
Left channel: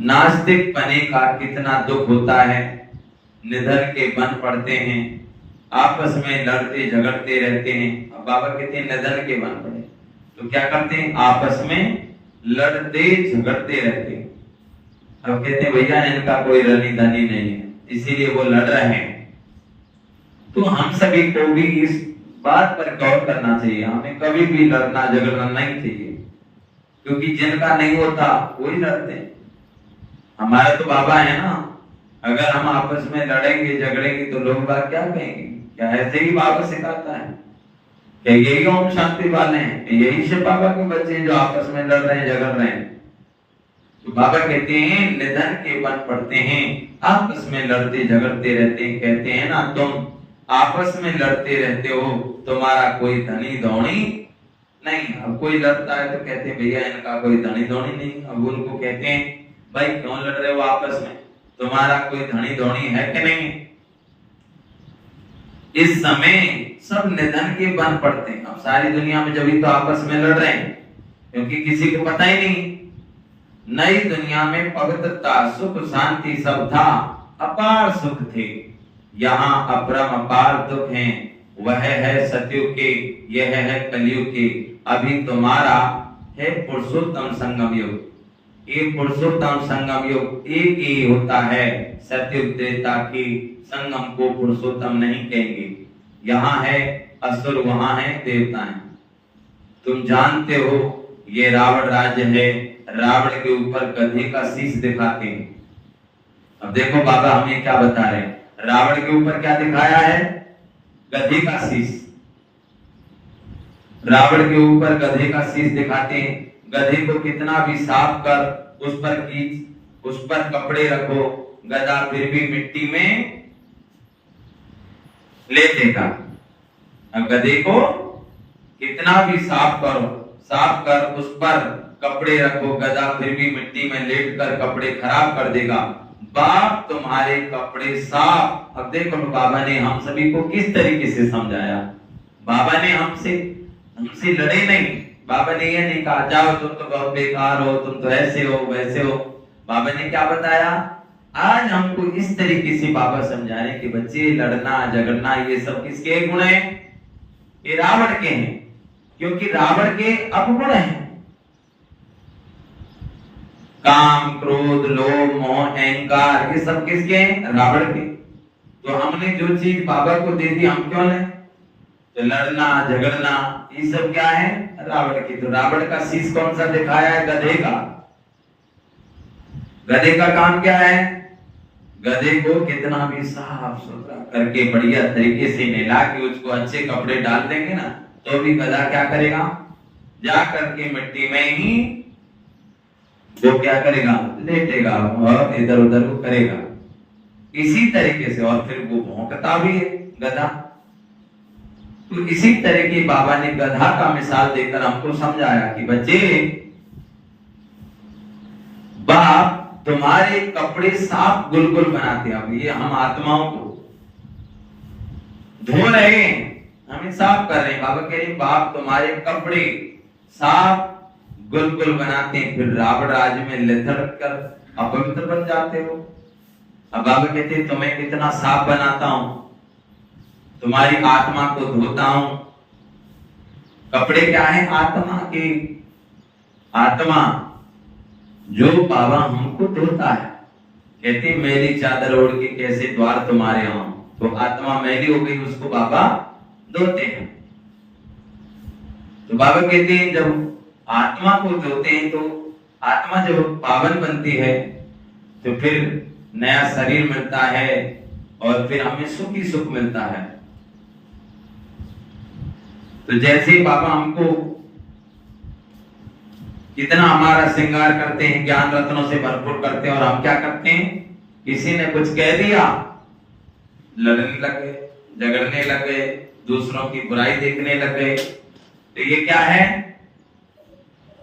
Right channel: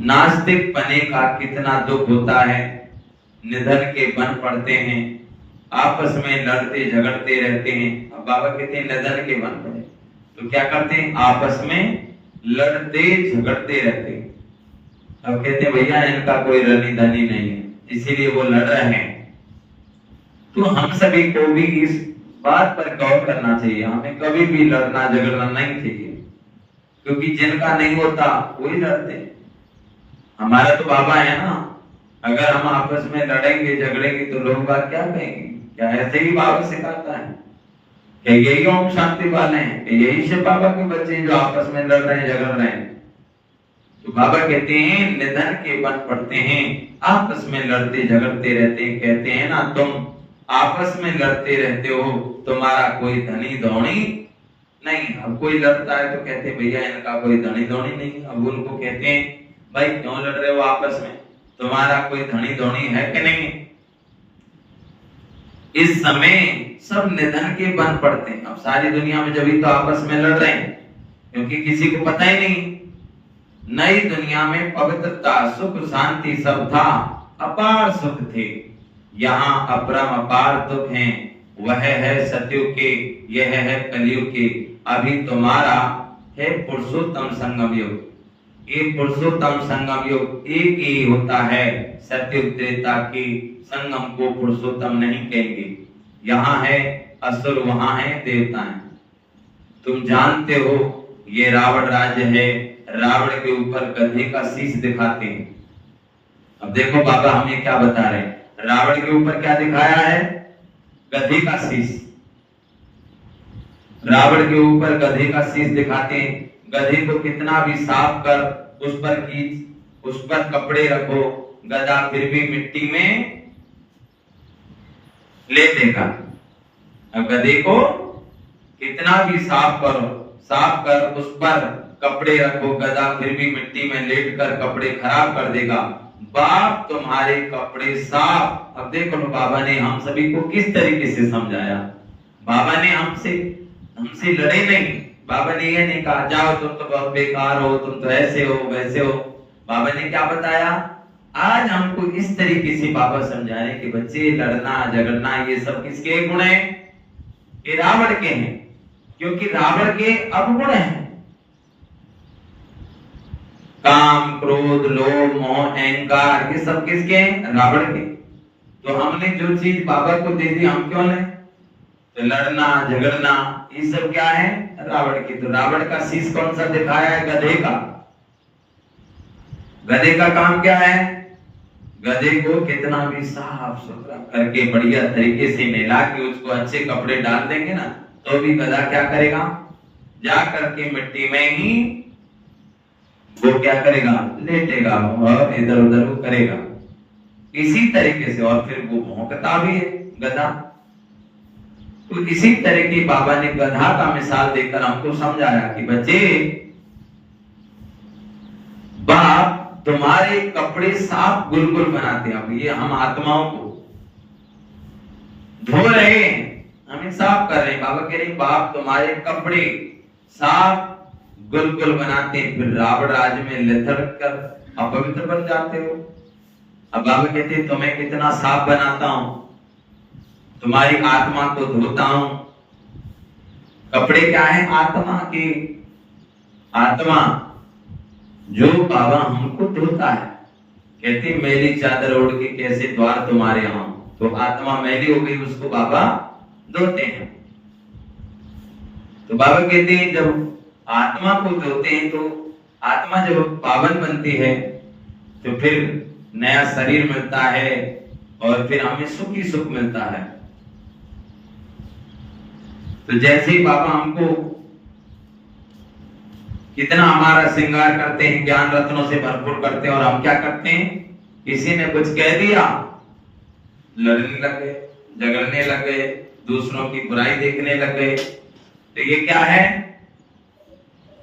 नास्तिक बने का कितना दुख होता है। निधन के बन पड़ते हैं, आपस में लड़ते झगड़ते रहते हैं। अब बाबा कहते हैं निधन के बन पड़े तो क्या करते हैं, आपस में लड़ते झगड़ते रहते हैं। अब कहते हैं भैया इनका कोई रनी धनी नहीं है इसीलिए वो लड़ रहे हैं। तो हम सभी को भी इस बात पर गौर करना चाहिए, हमें कभी भी लड़ना झगड़ना नहीं चाहिए, क्योंकि जिनका नहीं होता वही लड़ते हैं। हमारा तो बाबा है ना, अगर हम आपस में लड़ेंगे झगड़ेंगे तो लोग बात क्या कहेंगे, क्या ऐसे ही बाबा सिखाता है क्या यही ओम शांति वाले हैं, यही से बाबा के बच्चे जो आपस में लड़ रहे हैं झगड़ रहे हैं। तो बाबा कहते हैं निधन के बन पड़ते हैं, आपस में लड़ते झगड़ते रहते हैं। कहते हैं ना तुम आपस में लड़ते रहते हो, तुम्हारा कोई धनी धौनी नहीं। अब कोई लड़ता है तो कहते हैं भैया इनका कोई धनी धौनी नहीं। अब उनको कहते हैं भाई क्यों लड़ रहे हो आपस में, तुम्हारा कोई धनी धौनी है कि नहीं। इस समय सब निधन के बन पड़ते हैं। अब सारी दुनिया में जब तो आपस में लड़ रहे हैं क्योंकि किसी को पता ही नहीं। नई दुनिया में पवित्रता सुख शांति सब था, अपार सुख थे। यहाँ अपरम अपार दुख हैं, वह है सतयुग के, यह है कलयुग के। अभी तुम्हारा है पुरुषोत्तम संगम युग। ये पुरुषोत्तम संगम युग एक ही होता है, सतयुग त्रेता के संगम को पुरुषोत्तम नहीं कहेंगे। यहाँ है असुर, वहां है देवताएं। तुम जानते हो ये रावण राज्य है, रावण के ऊपर गधे का शीश दिखाते हैं। अब देखो बाबा हमें क्या बता रहे हैं, रावण के ऊपर क्या दिखाया है, गधे का शीश। रावण के ऊपर गधे का शीश दिखाते हैं। गधे को कितना भी साफ कर, उस पर खींच, उस पर कपड़े रखो, गधा फिर भी मिट्टी में लेटेगा। अब गधे को कितना भी साफ करो, साफ कर उस पर कपड़े रखो, गधा फिर भी मिट्टी में लेट कर कपड़े खराब कर देगा। बाप तुम्हारे कपड़े साफ। अब देखो बाबा ने हम सभी को किस तरीके से समझाया। बाबा ने हमसे लड़े नहीं। बाबा ने ये नहीं कहा जाओ तुम तो बहुत बेकार हो, तुम तो ऐसे हो वैसे हो। बाबा ने क्या बताया, आज हमको इस तरीके से बाबा समझा रहे कि बच्चे लड़ना झगड़ना ये सब किसके गुण है, ये रावण के हैं। क्योंकि रावण के अवगुण हैं, काम क्रोध लोभ मोह अहंकार, ये सब किसके हैं, रावण के। तो हमने जो चीज बाबा को दे दी हम क्यों लें, तो लड़ना झगड़ना ये सब क्या है, रावण की। तो रावण का शीश कौन सा दिखाया है, गधे का। गधे का काम क्या है, गधे को कितना भी साफ सुथरा करके बढ़िया तरीके से नहला के उसको अच्छे कपड़े डाल देंगे ना, तो भी गधा क्या करेगा, जा करके मिट्टी में ही वो क्या करेगा, लेटेगा और इधर उधर वो करेगा इसी तरीके से। और फिर वो भौंकता भी है गधा। तो इसी तरह की बाबा ने गधा का मिसाल देकर हमको समझाया कि बच्चे बाप तुम्हारे कपड़े साफ गुलगुल बनाते हैं। अब ये हम आत्माओं को धो रहे हैं, हमें साफ कर रहे हैं। बाबा कह रहे बाप तुम्हारे कपड़े साफ गुलगुल बनाते हैं, फिर रावण राज्य में लेथड़ कर अपवित्र बन जाते हो। अब बाबा कहते हैं तुम्हें कितना साफ बनाता हूं, तुम्हारी आत्मा को धोता हूं, कपड़े क्या है? आत्मा के। आत्मा जो बाबा हमको धोता है, कहते मैली चादर ओढ़ के कैसे द्वार तुम्हारे हों, तो आत्मा मैली हो गई, उसको बाबा धोते हैं। तो बाबा कहते हैं जब आत्मा को धोते हैं तो आत्मा जब पावन बनती है तो फिर नया शरीर मिलता है और फिर हमें सुख ही सुख मिलता है। तो जैसे बाबा हमको कितना हमारा श्रृंगार करते हैं, ज्ञान रत्नों से भरपूर करते हैं, और हम क्या करते हैं? किसी ने कुछ कह दिया, लड़ने लगे, झगड़ने लगे, दूसरों की बुराई देखने लगे। तो ये क्या है?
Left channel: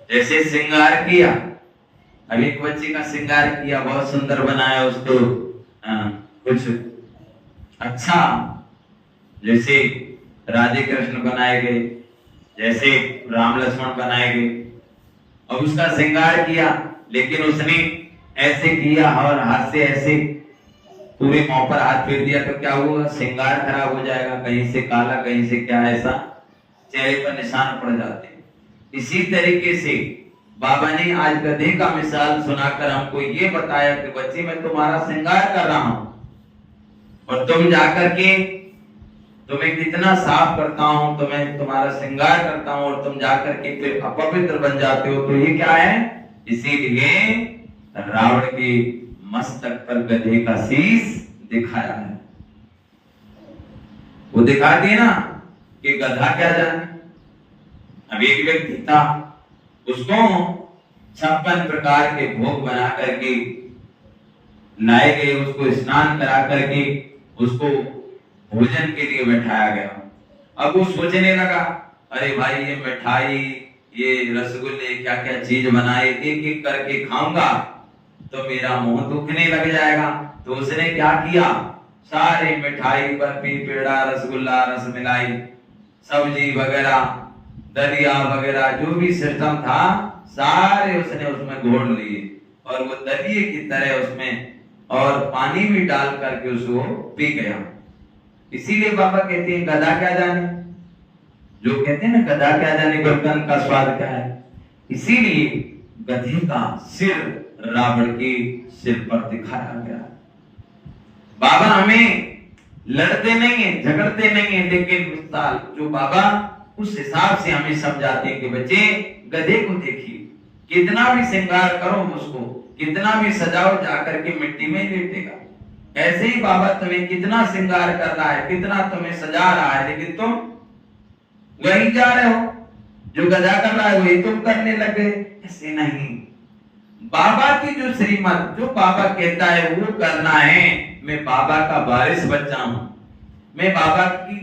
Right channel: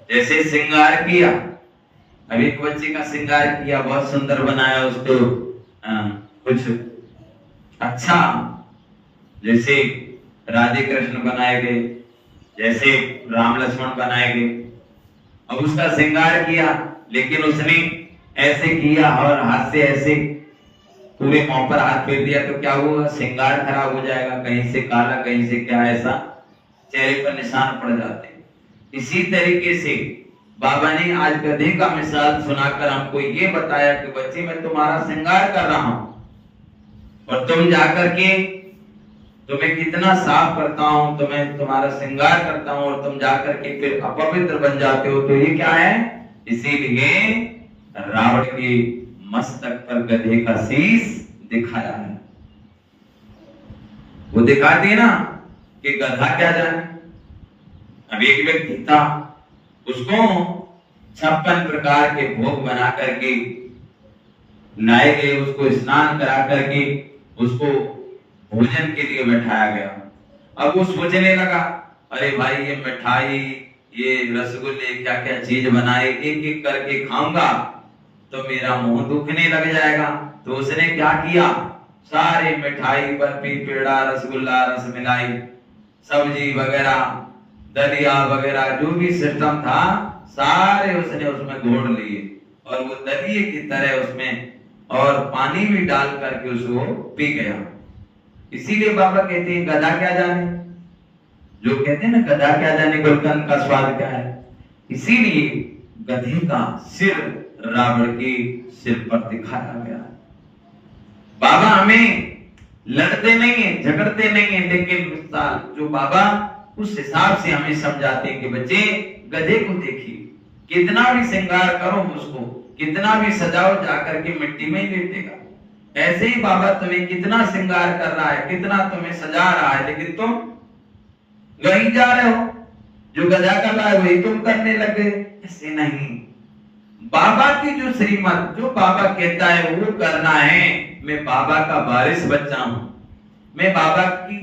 जैसे श्रृंगार किया, अभी एक बच्चे का श्रृंगार किया, बहुत सुंदर बनाया उसको, कुछ अच्छा, जैसे राधे कृष्ण बनाए गए, जैसे राम लक्ष्मण बनाए गए। अब उसका श्रृंगार किया, लेकिन उसने ऐसे किया और हाथ से ऐसे पूरे मुंह पर हाथ फेर दिया, तो क्या हुआ? श्रृंगार खराब हो जाएगा, कहीं से काला, कहीं से क्या, ऐसा चेहरे पर निशान पड़ जाते हैं। इसी तरीके से बाबा ने आज गधे का मिसाल सुनाकर हमको ये बताया कि बच्चे मैं तुम्हारा श्रृंगार कर रहा हूं और तुम जाकर के तुम्हें कितना साफ करता हूं, तुम्हें तुम्हारा श्रृंगार करता हूं और तुम जाकर के फिर अपवित्र बन जाते हो। तो ये क्या है? इसीलिए रावण के मस्तक पर गधे का शीश दिखाया है। वो दिखाते ना कि गधा क्या जाने। अब एक व्यक्ति था, उसको 56 प्रकार के भोग बना करके लाए गए, उसको स्नान करा करके उसको भोजन के लिए बैठाया गया। अब वो सोचने लगा, अरे भाई ये मिठाई, ये रसगुल्ले, क्या क्या चीज बनाए, एक एक करके खाऊंगा तो मेरा मुंह दुखने लग जाएगा। तो उसने क्या किया? सारे मिठाई, बर्फी, पेड़ा, रसगुल्ला, रसमलाई, सब्जी वगैरह, दलिया वगैरह, जो भी सिस्टम था सारे उसने उसमें घोल लिए और वो दलिए की तरह उसमें और पानी भी डाल करके उसको पी गया। इसीलिए बाबा कहते हैं गधा क्या जाने, जो कहते हैं ना गधा क्या जाने गुलकंद का स्वाद क्या है। इसीलिए गधे का सिर रावण के सिर पर दिखाया गया। बाबा हमें लड़ते नहीं है, झगड़ते नहीं है, लेकिन जो बाबा उस हिसाब से हमें समझाते हैं कि बच्चे गधे को देखिए, कितना भी श्रृंगार करो उसको, कितना भी सजाओ, जाकर के मिट्टी में लेटेगा। ऐसे ही बाबा तुम्हें कितना श्रृंगार कर रहा है, कितना तुम्हें सजा रहा है, लेकिन तुम वही जा रहे हो, जो गधा कर रहा है वही तुम करने लगे। ऐसे नहीं, बाबा की जो श्रीमत, जो बाबा कहता है वो करना है। मैं बाबा का वारिस बच्चा हूं, मैं बाबा की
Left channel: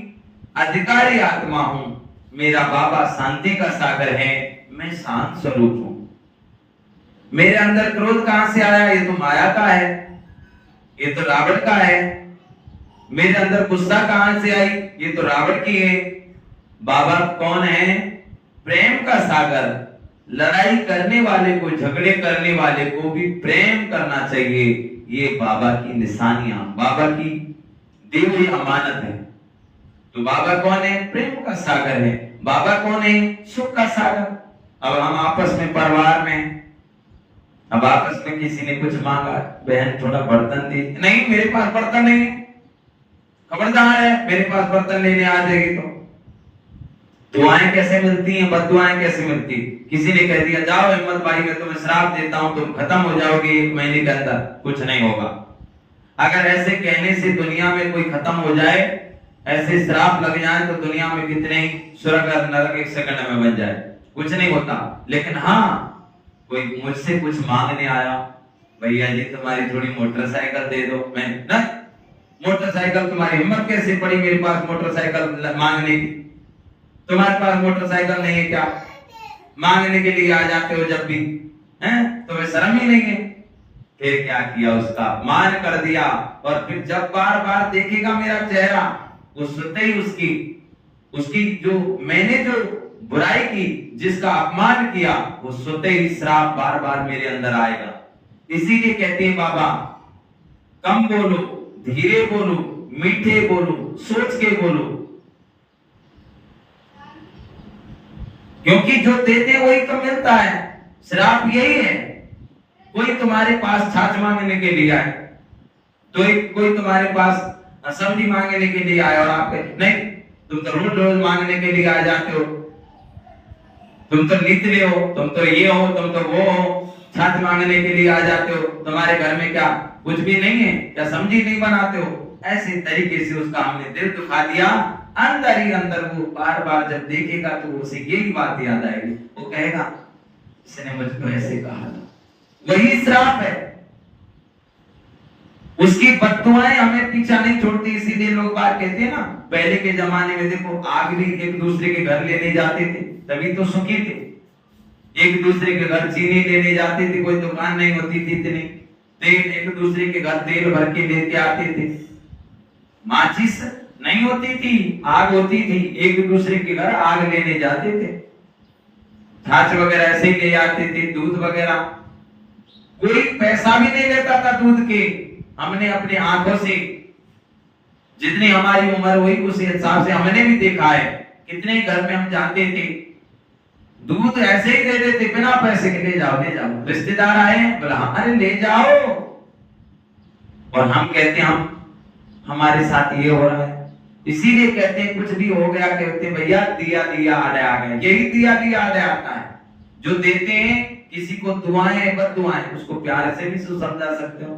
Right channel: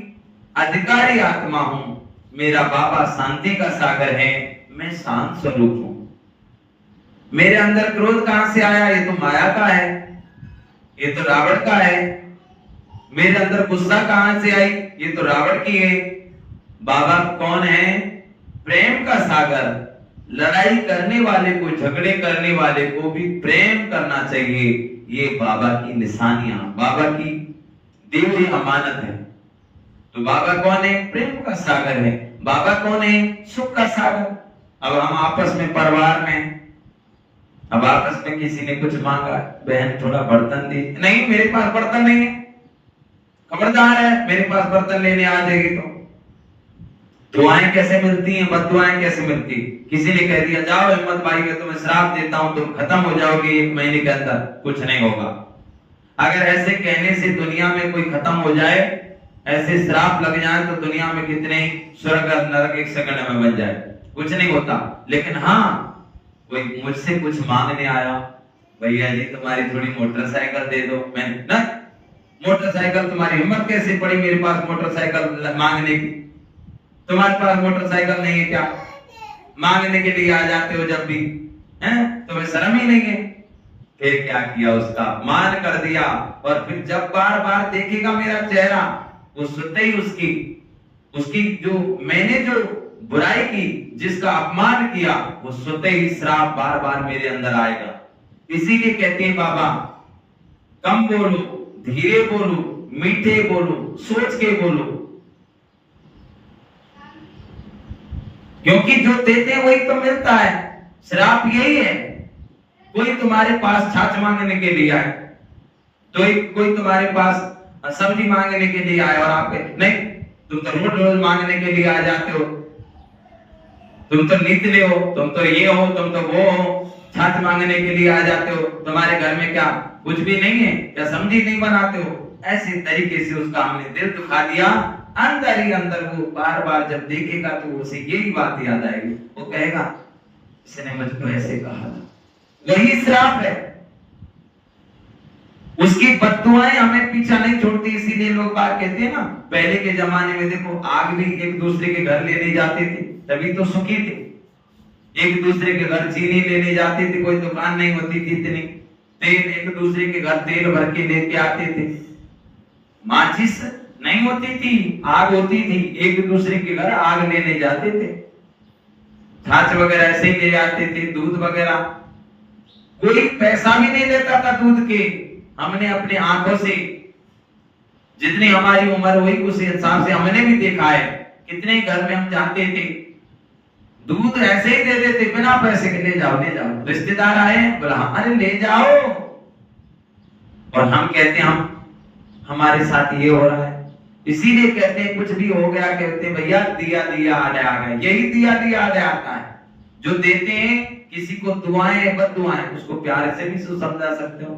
अधिकारी आत्मा हूं, मेरा बाबा शांति का सागर है, मैं शांत स्वरूप हूं। मेरे अंदर क्रोध कहां से आया? ये तो माया का है, ये तो रावण का है। मेरे अंदर गुस्सा कहां से आई? ये तो रावण की है। बाबा कौन है? प्रेम का सागर। लड़ाई करने वाले को, झगड़े करने वाले को भी प्रेम करना चाहिए। ये बाबा की निशानियां, बाबा की दी हुई अमानत है। तो बाबा कौन है? प्रेम का सागर है। बाबा कौन है? सुख का सागर। अब हम आपस में, परिवार में, अब आपस में किसी ने कुछ मांगा, बहन थोड़ा बर्तन दी, नहीं मेरे पास बर्तन नहीं है, खबरदार है मेरे पास बर्तन लेने आ जाएगी तो दुआएं कैसे मिलती हैं, बद्दुआएं कैसे मिलती। किसी ने कह दिया जाओ हिम्मत भाई मैं तुम्हें श्राप देता हूं, तुम खत्म हो जाओगे 1 महीने के अंदर, कुछ नहीं होगा। अगर ऐसे कहने से दुनिया में कोई खत्म हो जाए, ऐसे श्राप लग जाए तो दुनिया में कितने स्वर्ग और नरक 1 सेकंड में बन जाए, कुछ नहीं होता। लेकिन हाँ, कोई मुझसे कुछ मांगने आया, भैया जी तुम्हारी थोड़ी मोटरसाइकिल दे दो, मैं ना मोटरसाइकिल, तुम्हारी हिम्मत कैसे पड़ी मेरे पास मोटरसाइकिल मांगने की? तुम्हारे पास मोटरसाइकिल नहीं है क्या? मांगने के लिए आ जाते हो जब भी, हैं? तुम्हें शर्म ही नहीं है। फिर क्या किया? उसका अपमान कर दिया। और फिर जब बार बार देखेगा मेरा चेहरा, वो सुनते ही उसकी जो मैंने जो बुराई की, जिसका अपमान किया, वो सुनते ही श्राप बार बार मेरे अंदर आएगा। इसीलिए कहते हैं बाबा कम बोलो, धीरे बोलो, मीठे बोलो, सोच के बोलो। क्योंकि जो देते हैं वही तो मिलता है। श्राप यही है। कोई तुम्हारे पास छाछ मांगने के लिए आए, तो कोई तुम्हारे पास सब्जी मांगने के लिए आए और आप नहीं, तुम तो रोज रोज मांगने के लिए आ जाते हो, तुम तो नित्य हो, तुम तो ये हो, तुम तो वो हो, छाछ मांगने के लिए आ जाते हो, तुम्हारे घर में क्या कुछ भी नहीं है, क्या सब्जी नहीं बनाते हो। ऐसी तरीके से उसका हमने दिल दुखा दिया। अंदर ही अंदर वो बार बार जब देखेगा तो उसे यही बात याद आएगी, वो कहेगा इसने मुझको ऐसे कहा था। वही श्राप है। उसकी बद्दुआएं हमें पीछा नहीं छोड़ती। इसीलिए लोग बात कहते हैं ना, पहले के जमाने में देखो आग भी एक दूसरे के घर लेने जाते थे, तभी तो सुखी थे। एक दूसरे के घर चीनी लेने जाते थे, कोई दुकान नहीं होती थी इतनी, तेल एक दूसरे के घर तेल भर के लेके आते थे। माचिस नहीं होती थी, आग होती थी, एक दूसरे के घर आग लेने जाते थे। छाछ वगैरह ऐसे ले आते थे, दूध वगैरह, कोई पैसा भी नहीं लेता था दूध के। हमने अपने आंखों से, जितनी हमारी उम्र हुई उस हिसाब से हमने भी देखा है, कितने घर में हम जाते थे, दूध ऐसे ही दे देते बिना पैसे के, ले जाओ ले जाओ, रिश्तेदार आए बोला अरे ले जाओ, और हम कहते हम हमारे साथ ये हो रहा है। इसीलिए कहते हैं कुछ भी हो गया कहते भैया दिया दिया आड़े आ गया। यही दिया दिया आड़े आता है। जो देते हैं किसी को दुआएं बद्दुआएं, उसको प्यार से भी समझा सकते हो।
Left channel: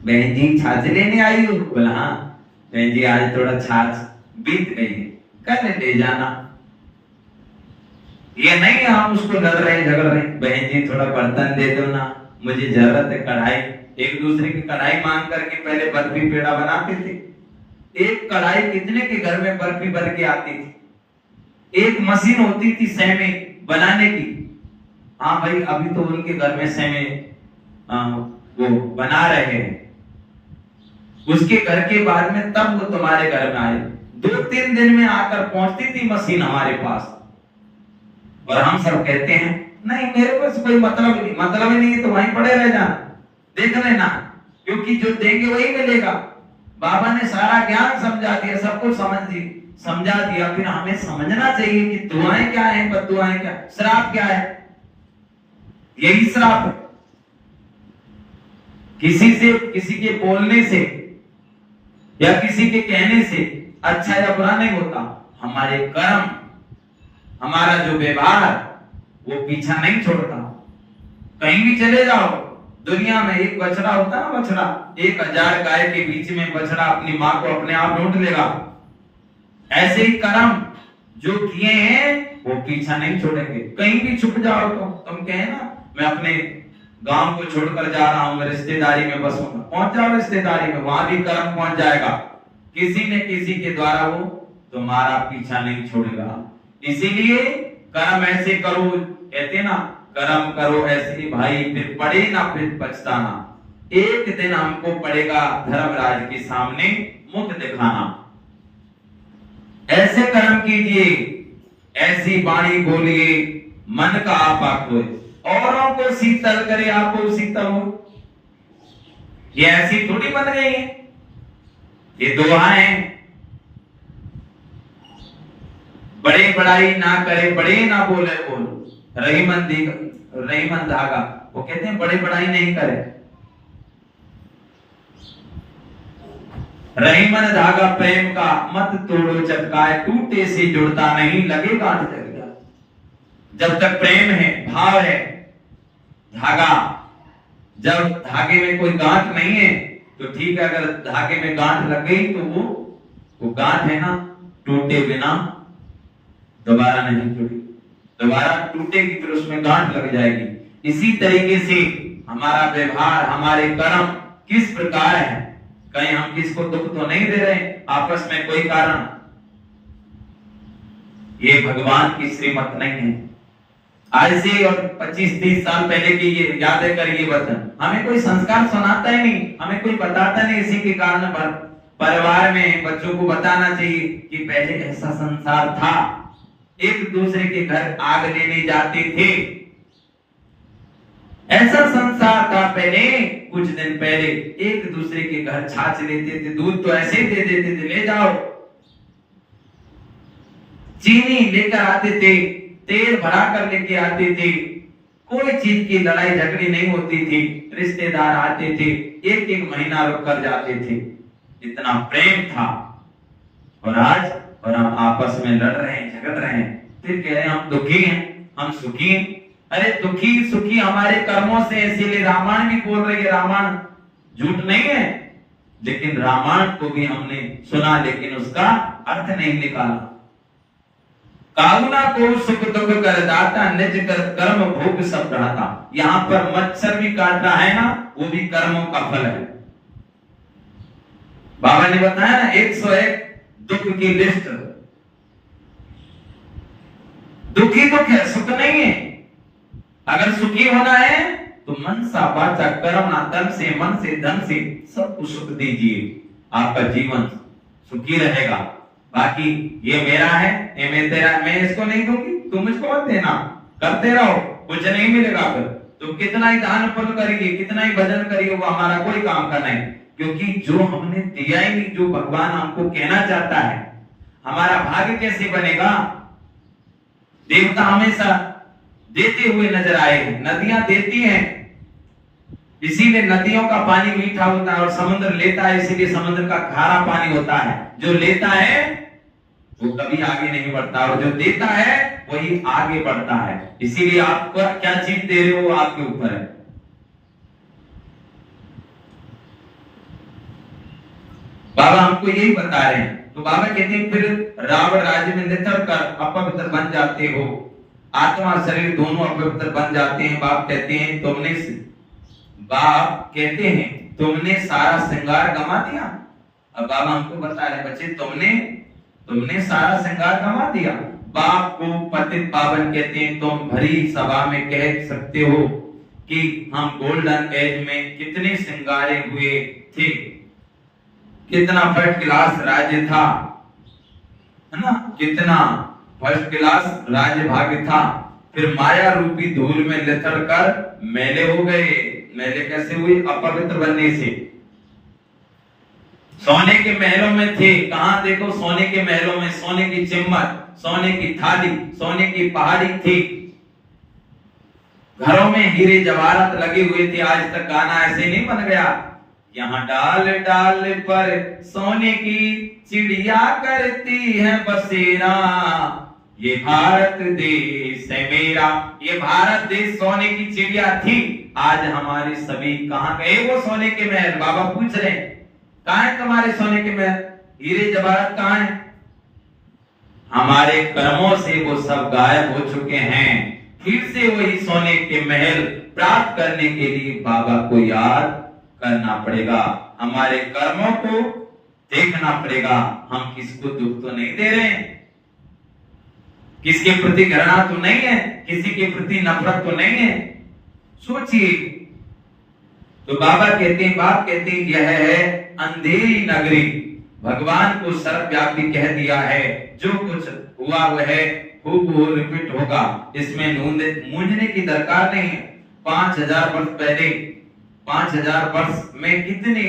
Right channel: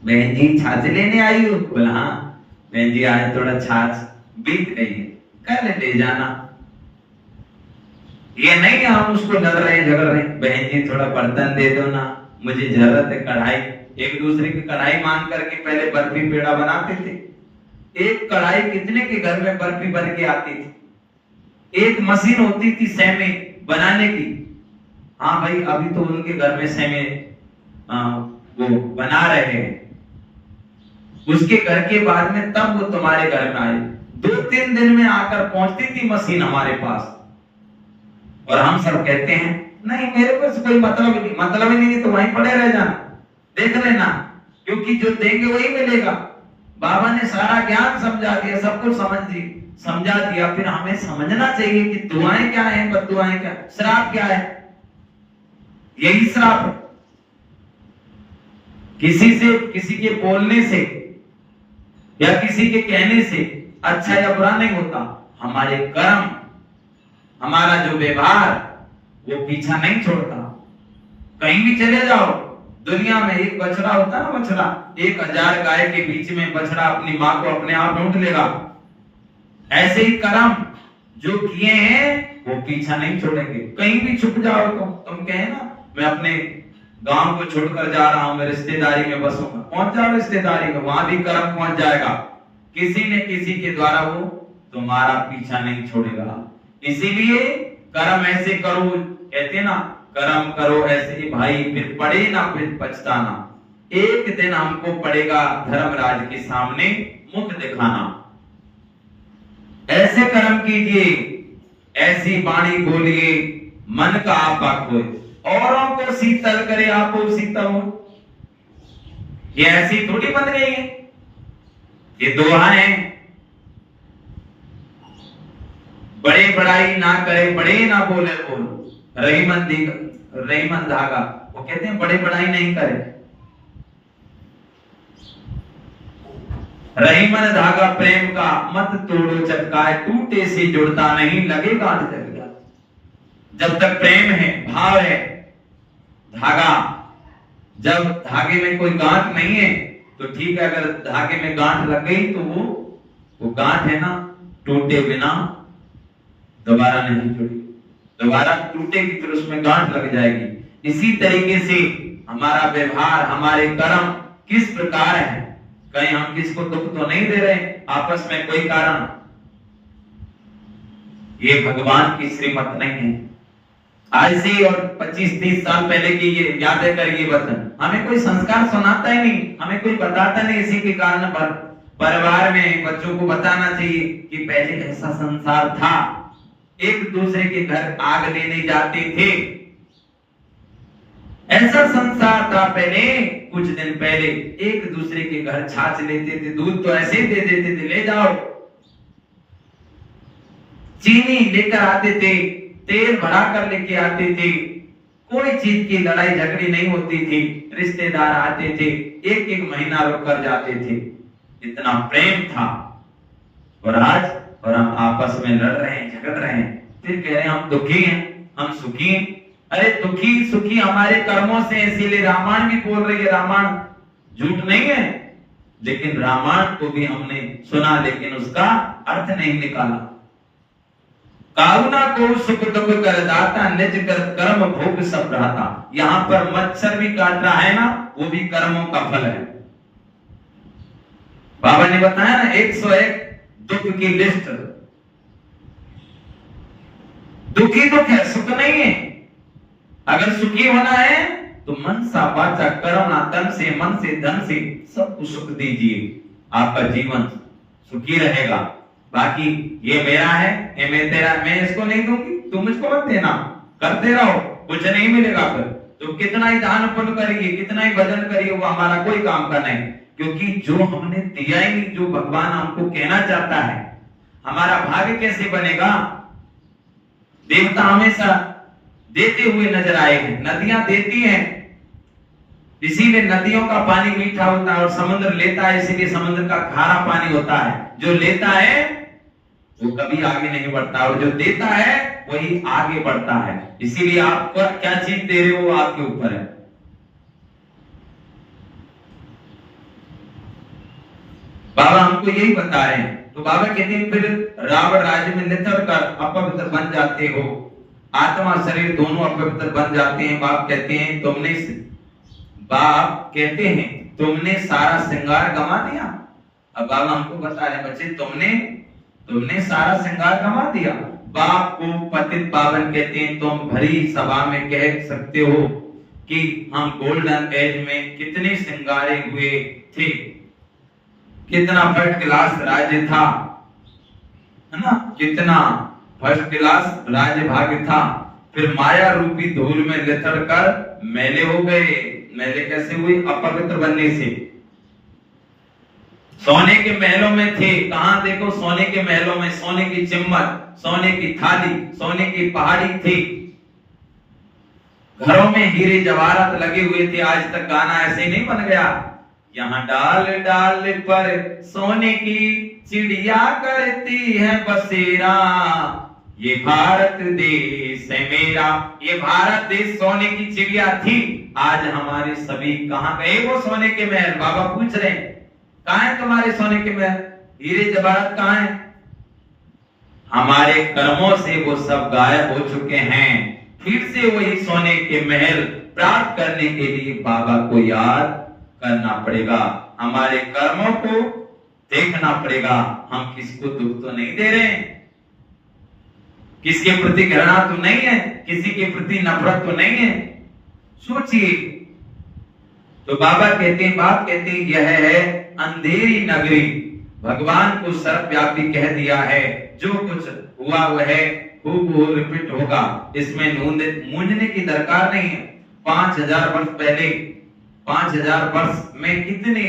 बहन जी छाछ लेने आई हो, बोला हाँ बहन जी आज थोड़ा छाछ बीत गई है, कल ले जाना। ये नहीं हम उसको लड़ रहे झगड़ रहे, बहन जी थोड़ा बर्तन दे दो ना, मुझे जरूरत है कढ़ाई। एक दूसरे की कढ़ाई मांग करके पहले बर्फी पेड़ा बनाते थे। एक कढ़ाई कितने के घर में बर्फी भर के आती थी। एक मशीन होती थी सेमे बनाने की। हाँ भाई अभी तो उनके घर में सेमे वो बना रहे हैं, उसके घर के बाद में तब वो तुम्हारे घर में आए। 2-3 दिन में आकर पहुंचती थी मशीन हमारे पास, और हम सब कहते हैं नहीं मेरे पास कोई मतलब ही नहीं, तो वहीं पड़े रह जाना, देख लेना, क्योंकि जो देंगे वही मिलेगा। बाबा ने सारा ज्ञान समझा दिया, सब कुछ समझा दिया। फिर हमें समझना चाहिए कि दुआएं क्या है, बद्दुआएं क्या, श्राप क्या है। यही श्राप है। किसी के बोलने से या किसी के कहने से अच्छा या बुरा नहीं होता। हमारे कर्म, हमारा जो व्यवहार वो पीछा नहीं छोड़ता। कहीं भी चले जाओ दुनिया में, एक बछड़ा होता ना, बछड़ा 1000 गाय के बीच में बछड़ा अपनी माँ को अपने आप ढूंढ लेगा। ऐसे ही कर्म जो किए हैं वो पीछा नहीं छोड़ेंगे। कहीं भी छुप जाओ तो तुम कहे ना मैं अपने गांव को छोड़कर जा रहा हूं, मैं रिश्तेदारी में बसूंगा, पहुंच जाओ रिश्तेदारी में, वहां भी कर्म पहुंच जाएगा। किसी न किसी के द्वारा वो तुम्हारा पीछा नहीं छोड़ेगा। इसीलिए कर्म ऐसे करो, कहते ना कर्म करो ऐसे भाई, फिर पड़े ना फिर पछताना। एक दिन हमको पड़ेगा धर्मराज के सामने मुख दिखाना। ऐसे कर्म कीजिए, ऐसी वाणी बोलिए, मन का आपा खोए, औरों को शीतल करे आपो शीतल हो। ये ऐसी थोड़ी बन गई है, ये दोहा है। बड़े बड़ाई ना करे, बड़े ना बोले बोल, रहीमन धागा। वो कहते हैं बड़े बड़ाई नहीं करे, रहीमन धागा प्रेम का मत तोड़ो चटकाए, टूटे से जुड़ता नहीं लगे गांठ जग गया। जब तक प्रेम है, भाव है, धागा, जब धागे में कोई गांठ नहीं है तो ठीक है, अगर धागे में गांठ लग गई तो वो गांठ है ना, टूटे बिना दोबारा नहीं जुड़ी, दोबारा टूटेगी फिर उसमें गांठ लग जाएगी। इसी तरीके से हमारा व्यवहार, हमारे कर्म किस प्रकार है, कहीं हम किसको दुख तो नहीं दे रहे आपस में कोई कारण, ये भगवान की श्रीमत नहीं है। आज से और 25-30 साल पहले की ये यादें करिए वचन, हमें कोई संस्कार सुनाता ही नहीं, हमें कोई बताता नहीं। इसी के कारण परिवार में बच्चों को बताना चाहिए कि पहले ऐसा संसार था, एक दूसरे के घर आग लेने जाते थे, ऐसा संसार था पहले। कुछ दिन पहले एक दूसरे के घर छाछ लेते थे, दूध तो ऐसे ही दे देते थे, ले जाओ। चीनी लेकर आते थे, तेल भरा कर लेके आते थे, कोई चीज की लड़ाई झगड़ी नहीं होती थी, रिश्तेदार आते थे, एक एक महीना रुक कर जाते थे, इतना प्रेम था। और आज और हम आपस में लड़ रहे हैं, झगड़ रहे हैं, फिर कह रहे हैं हम दुखी हैं, हम सुखी हैं। अरे दुखी सुखी हमारे कर्मों से, इसीलिए रामायण भी बोल रही है, रामायण झूठ नहीं है, लेकिन रामायण को भी हमने सुना लेकिन उसका अर्थ नहीं निकाला। काउना को सुख दुख कर दाता, निज कर कर्म भोग सब रहता। यहाँ पर मच्छर भी काट रहा है ना, वो भी कर्मों का फल है। बाबा ने बताया ना 101 दुख की लिस्ट, दुखी दुख है, सुख नहीं है। अगर सुखी होना है तो मन सा वाचा कर्मणा, तन से मन से धन से सबको सुख दीजिए, आपका जीवन सुखी रहेगा। बाकी ये मेरा है, ये मैं तेरा, मैं इसको नहीं दूंगी, तुम मुझको मत देना, करते रहो, कुछ नहीं मिलेगा। फिर तो कितना ही दान पुण्य करिए, कितना ही भजन करिए, वो हमारा कोई काम का नहीं, क्योंकि जो हमने दिया ही नहीं, जो भगवान हमको कहना चाहता है, हमारा भाग्य कैसे बनेगा। देवता हमेशा देते हुए नजर आए हैं, नदियां देती हैं, इसीलिए नदियों का पानी मीठा होता है, और समुद्र लेता है, इसीलिए समुद्र का खारा पानी होता है। जो लेता है वो कभी आगे नहीं बढ़ता, और जो देता है वही आगे बढ़ता है। इसीलिए आप क्या चीज दे रहे हो वो आपके ऊपर है। बाबा हमको यही बता रहे हैं। तो बाबा कहते हैं फिर रावण राज्य में नितर कर अपवित्र बन जाते हो, आत्मा शरीर दोनों अपवित्र बन जाते हैं। बाप कहते हैं तुमने सारा श्रृंगार गंवा दिया। अब बाबा हमको बता रहे बच्चे, तुमने सारा श्रृंगार गंवा दिया। बाप को पतित पावन कहते हैं। तुम भरी सभा में कह सकते हो कि हम गोल्डन एज में कितने श्रृंगारे हुए थे, कितना फर्स्ट क्लास राज्य था, है ना, कितना फर्स्ट क्लास राज्य भाग्य था। फिर माया रूपी धूल में लिथड़ कर मैले हो गए। मैले कैसे हुई? अपवित्र बनने से। सोने के महलों में थे, कहां देखो सोने के महलों में, सोने की चिम्मट, सोने की थाली, सोने की पहाड़ी थी, घरों में हीरे जवाहरात लगे हुए थे। आज तक गाना ऐसे नहीं बन गया, यहाँ डाल डाल पर सोने की चिड़िया करती है बसेरा, ये भारत देश है मेरा। ये भारत देश सोने की चिड़िया थी। आज हमारे सभी कहां गए वो सोने के महल? बाबा पूछ रहे हैं, कहां है तुम्हारे सोने के महल, हीरे जवाहरात कहां है? हमारे कर्मों से वो सब गायब हो चुके हैं। फिर से वही सोने के महल प्राप्त करने के लिए बाबा को याद करना पड़ेगा, हमारे कर्मों को देखना पड़ेगा। हम किसको दुख तो नहीं दे रहे हैं, किसके प्रति घृणा तो नहीं है, किसी के प्रति नफरत तो नहीं है, सोचिए। तो बाबा कहते हैं, बाप कहते हैं, यह है अंधेरी नगरी। भगवान को सर्वव्यापी कह दिया है, जो कुछ हुआ वह हूबहू रिपीट होगा, इसमें मूंझने की दरकार नहीं है। 5000 वर्ष पहले, 5000 वर्ष में कितने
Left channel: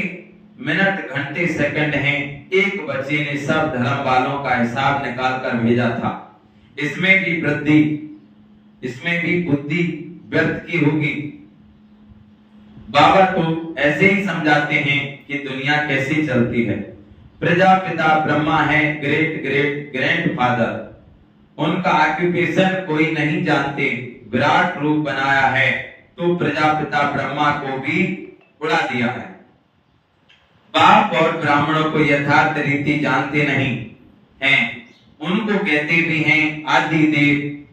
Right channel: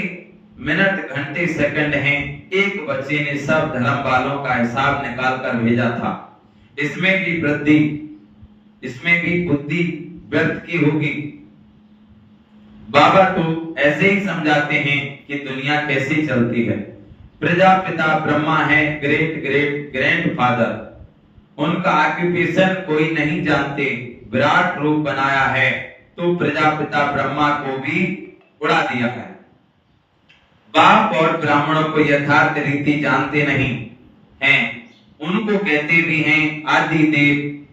मिनट घंटे सेकंड हैं? एक बच्चे ने सब धर्म वालों का हिसाब निकाल कर भेजा था। इसमें भी वृद्धि, इसमें भी बुद्धि व्यर्थ की होगी। बाबा तो ऐसे ही समझाते हैं कि दुनिया कैसे चलती है। प्रजापिता ब्रह्मा है, ग्रेट ग्रेट ग्रैंडफादर, उनका ऑक्यूपेशन कोई नहीं जानते, विराट रूप बनाया है, तो प्रजापिता ब्रह्मा को भी उड़ा दिया है। बाप और ब्राह्मणों को यथार्थ रीति जानते नहीं हैं, उनको कहते भी हैं आदि देव।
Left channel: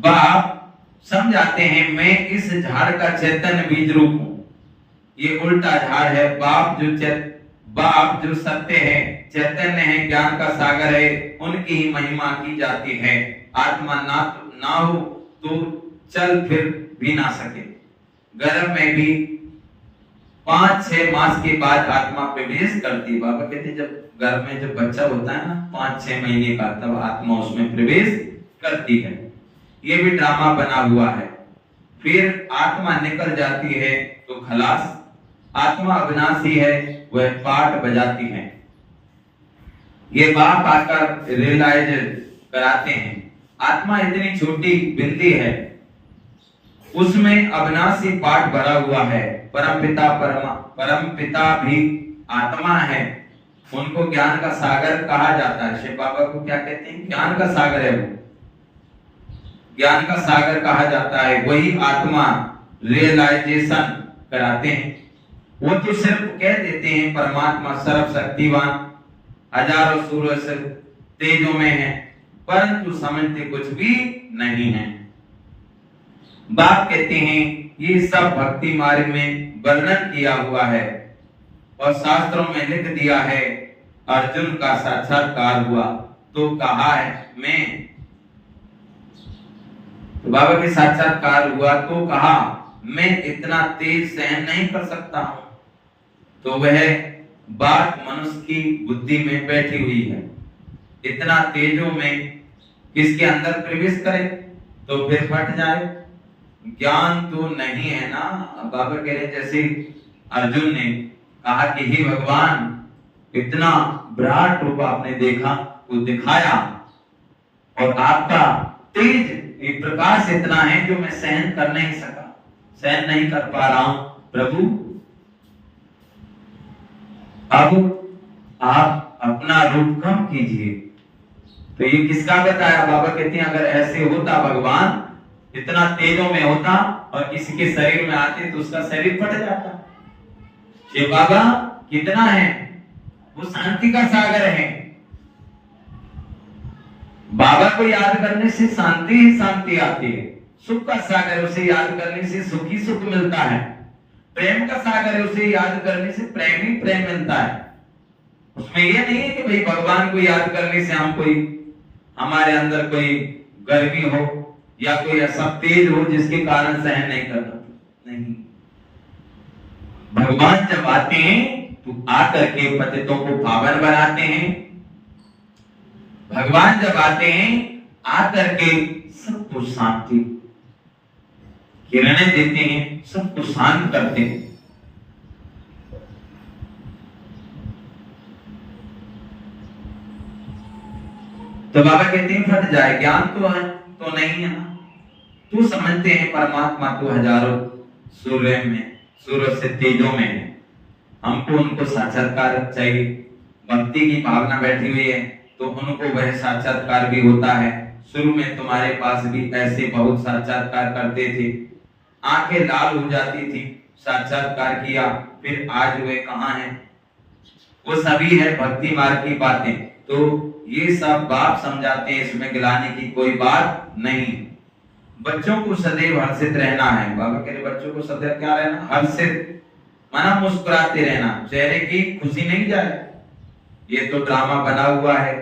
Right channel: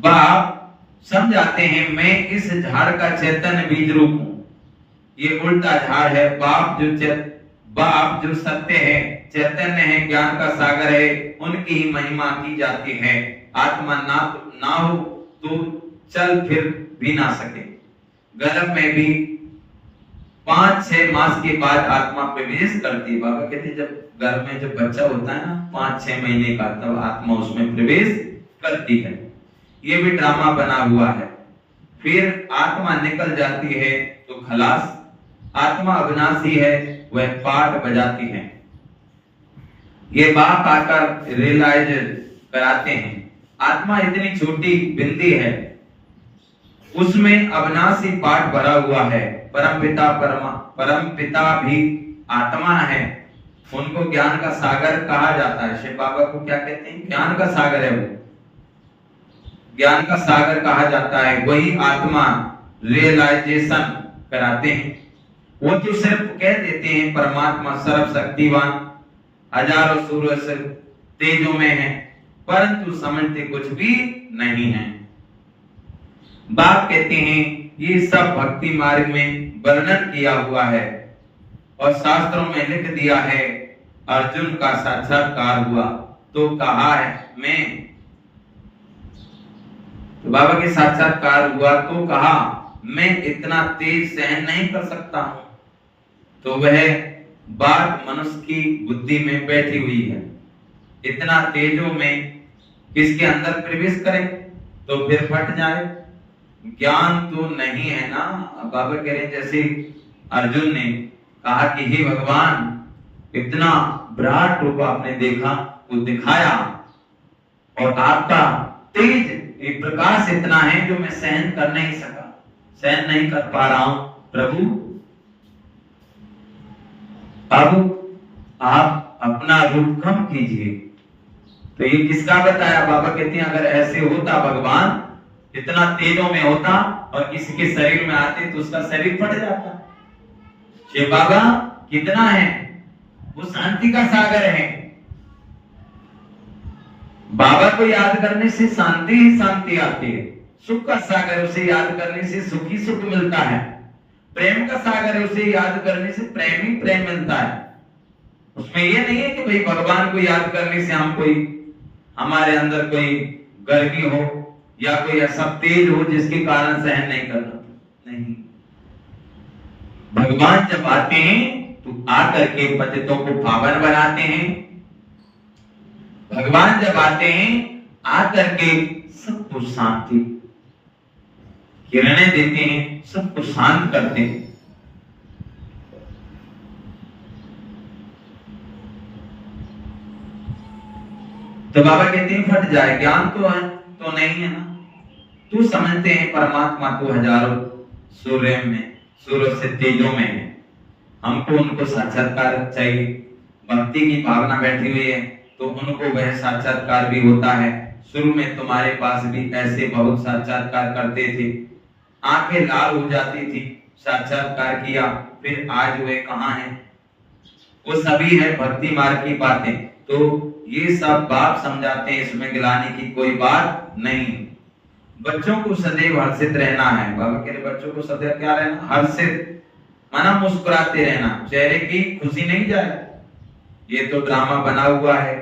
बाप समझाते हैं, मैं इस झाड़ का चैतन्य बीज रूप हूं। ये उल्टा झाड़ है। बाप जो सत्य है, चैतन्य है, ज्ञान का सागर है, उनकी ही महिमा की जाती है। आत्मा ना हो तो चल फिर भी ना सके। गर्भ में भी 5-6 मास के बाद आत्मा प्रवेश करती। बाबा कहते जब गर्भ में जब बच्चा होता है ना 5-6 महीने का, तब आत्मा उसमें प्रवेश करती है। ये भी ड्रामा बना हुआ है। फिर आत्मा निकल जाती है तो खलास। आत्मा अविनाशी है, वह पाठ बजाती है। ये बाप आकर रियलाइज कराते हैं। आत्मा इतनी छोटी बिंदी है, उसमें अविनाशी पाठ भरा हुआ है। परम पिता भी आत्मा है, उनको ज्ञान का सागर कहा जाता है। शिव बाबा को क्या कहते हैं? ज्ञान का सागर है वो, ज्ञान का सागर कहा जाता है। वही आत्मा रियलाइजेशन कराते हैं। वो तो सिर्फ कह देते हैं परमात्मा सर्वशक्तिवान, हजारों सूर्य से तेजों में है, परंतु समझते कुछ भी नहीं है। बाप कहते हैं ये सब भक्ति मार्ग में वर्णन किया हुआ है और शास्त्रों में लिख दिया है। अर्जुन का साक्षात्कार हुआ तो कहा है मैं, तो बाबा के साक्षात्कार हुआ तो कहा मैं इतना तेज सहन नहीं कर सकता हूं। तो वह बात मनुष्य की बुद्धि में बैठी हुई है। इतना तेजों में किसके अंदर प्रवेश करे तो फिर फट जाए। ज्ञान तो नहीं है ना। बाबा कह रहे जैसे अर्जुन ने कहा कि हे भगवान, इतना विराट रूप आपने देखा, वो दिखाया, और आपका तेज एक प्रकाश इतना है जो मैं सहन कर नहीं सका, सहन नहीं कर पा रहा हूं प्रभु। अब आप अपना रूप कम कीजिए। तो ये किसका बताया? बाबा कहते हैं अगर ऐसे होता भगवान, इतना तेजों में होता और किसी के शरीर में आते तो उसका शरीर फट जाता। शिव बाबा कितना है? वो शांति का सागर है। बाबा को याद करने से शांति ही शांति आती है। सुख का सागर, उसे याद करने से सुख ही सुख मिलता है। प्रेम का सागर है, उसे याद करने से प्रेम ही प्रेम मिलता है। उसमें ये नहीं है कि भाई भगवान को याद करने से हम कोई, हमारे अंदर कोई गर्मी हो या कोई ऐसा तेज हो जिसके कारण सहन नहीं कर पाते। नहीं, भगवान जब आते हैं तो आकर के पतितों को पावन बनाते हैं। भगवान जब आते हैं आकर के सबको शांति किरणें देते हैं, सबको शांत करते हैं। तो बाबा कहते हैं फट जाए। ज्ञान तो है तो नहीं है ना। तू समझते हैं परमात्मा को हजारों सूर्य में, सूर्य से तेजों में है। हमको उनको साक्षात्कार चाहिए। भक्ति की भावना बैठी हुई है तो उनको वह साक्षात्कार भी होता है। शुरू में तुम्हारे पास भी ऐसे बहुत साक्षात्कार करते थे, आंखें लाल हो जाती थी, साक्षात्कार किया, फिर आज वे कहाँ हैं? वो सभी है भक्ति मार्ग की बातें। तो ये सब बाप समझाते हैं, इसमें गिलाने की कोई बात नहीं। बच्चों को सदैव हर्षित रहना है। बाबा कह रहे बच्चों को सदैव क्या रहना? हर्षित, माना मुस्कुराते रहना, चेहरे की खुशी नहीं जाए। ये तो ड्रामा बना हुआ है।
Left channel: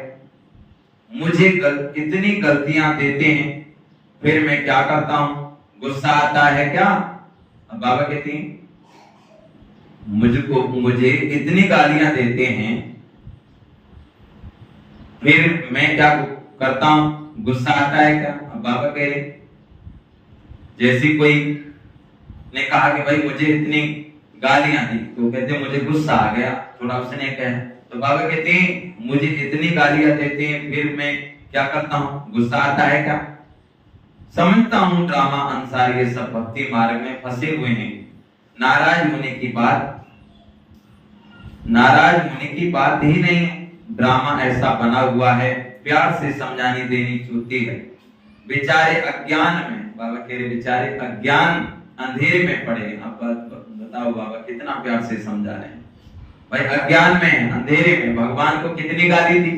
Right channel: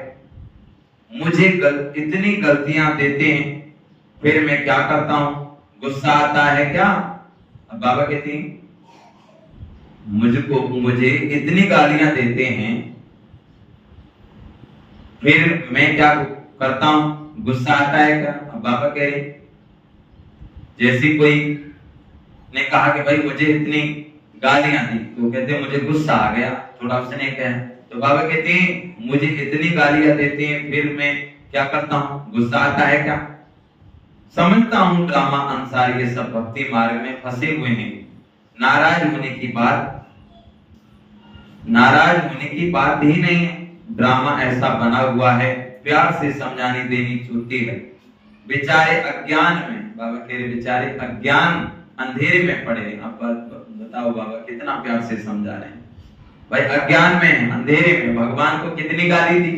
मुझे इतनी गलतियां देते हैं, फिर मैं क्या करता हूं? गुस्सा आता है क्या? अब बाबा कहते हैं मुझे इतनी गालियां देते हैं, फिर मैं क्या करता हूं? गुस्सा आता है क्या? अब बाबा कह रहे जैसे कोई ने कहा कि भाई मुझे इतनी गालियां दी, तो कहते मुझे गुस्सा आ गया, थोड़ा उसने कहा। तो बाबा कहते हैं मुझे इतनी गालियां देते हैं, फिर मैं क्या करता हूं? गुस्सा आता है क्या? समझता हूं ड्रामा अनुसार ये सब भक्ति मार्ग में फंसे हुए हैं। नाराज होने की बात ही नहीं है। ड्रामा ऐसा बना हुआ है, प्यार से समझानी देनी छूटती है। बेचारे अज्ञान में, बाबा कह रहे बेचारे अज्ञान अंधेरे में पड़े। अब बताओ बाबा कितना प्यार से समझा रहे हैं। भाई अज्ञान में, अंधेरे में भगवान को कितनी गाली दी,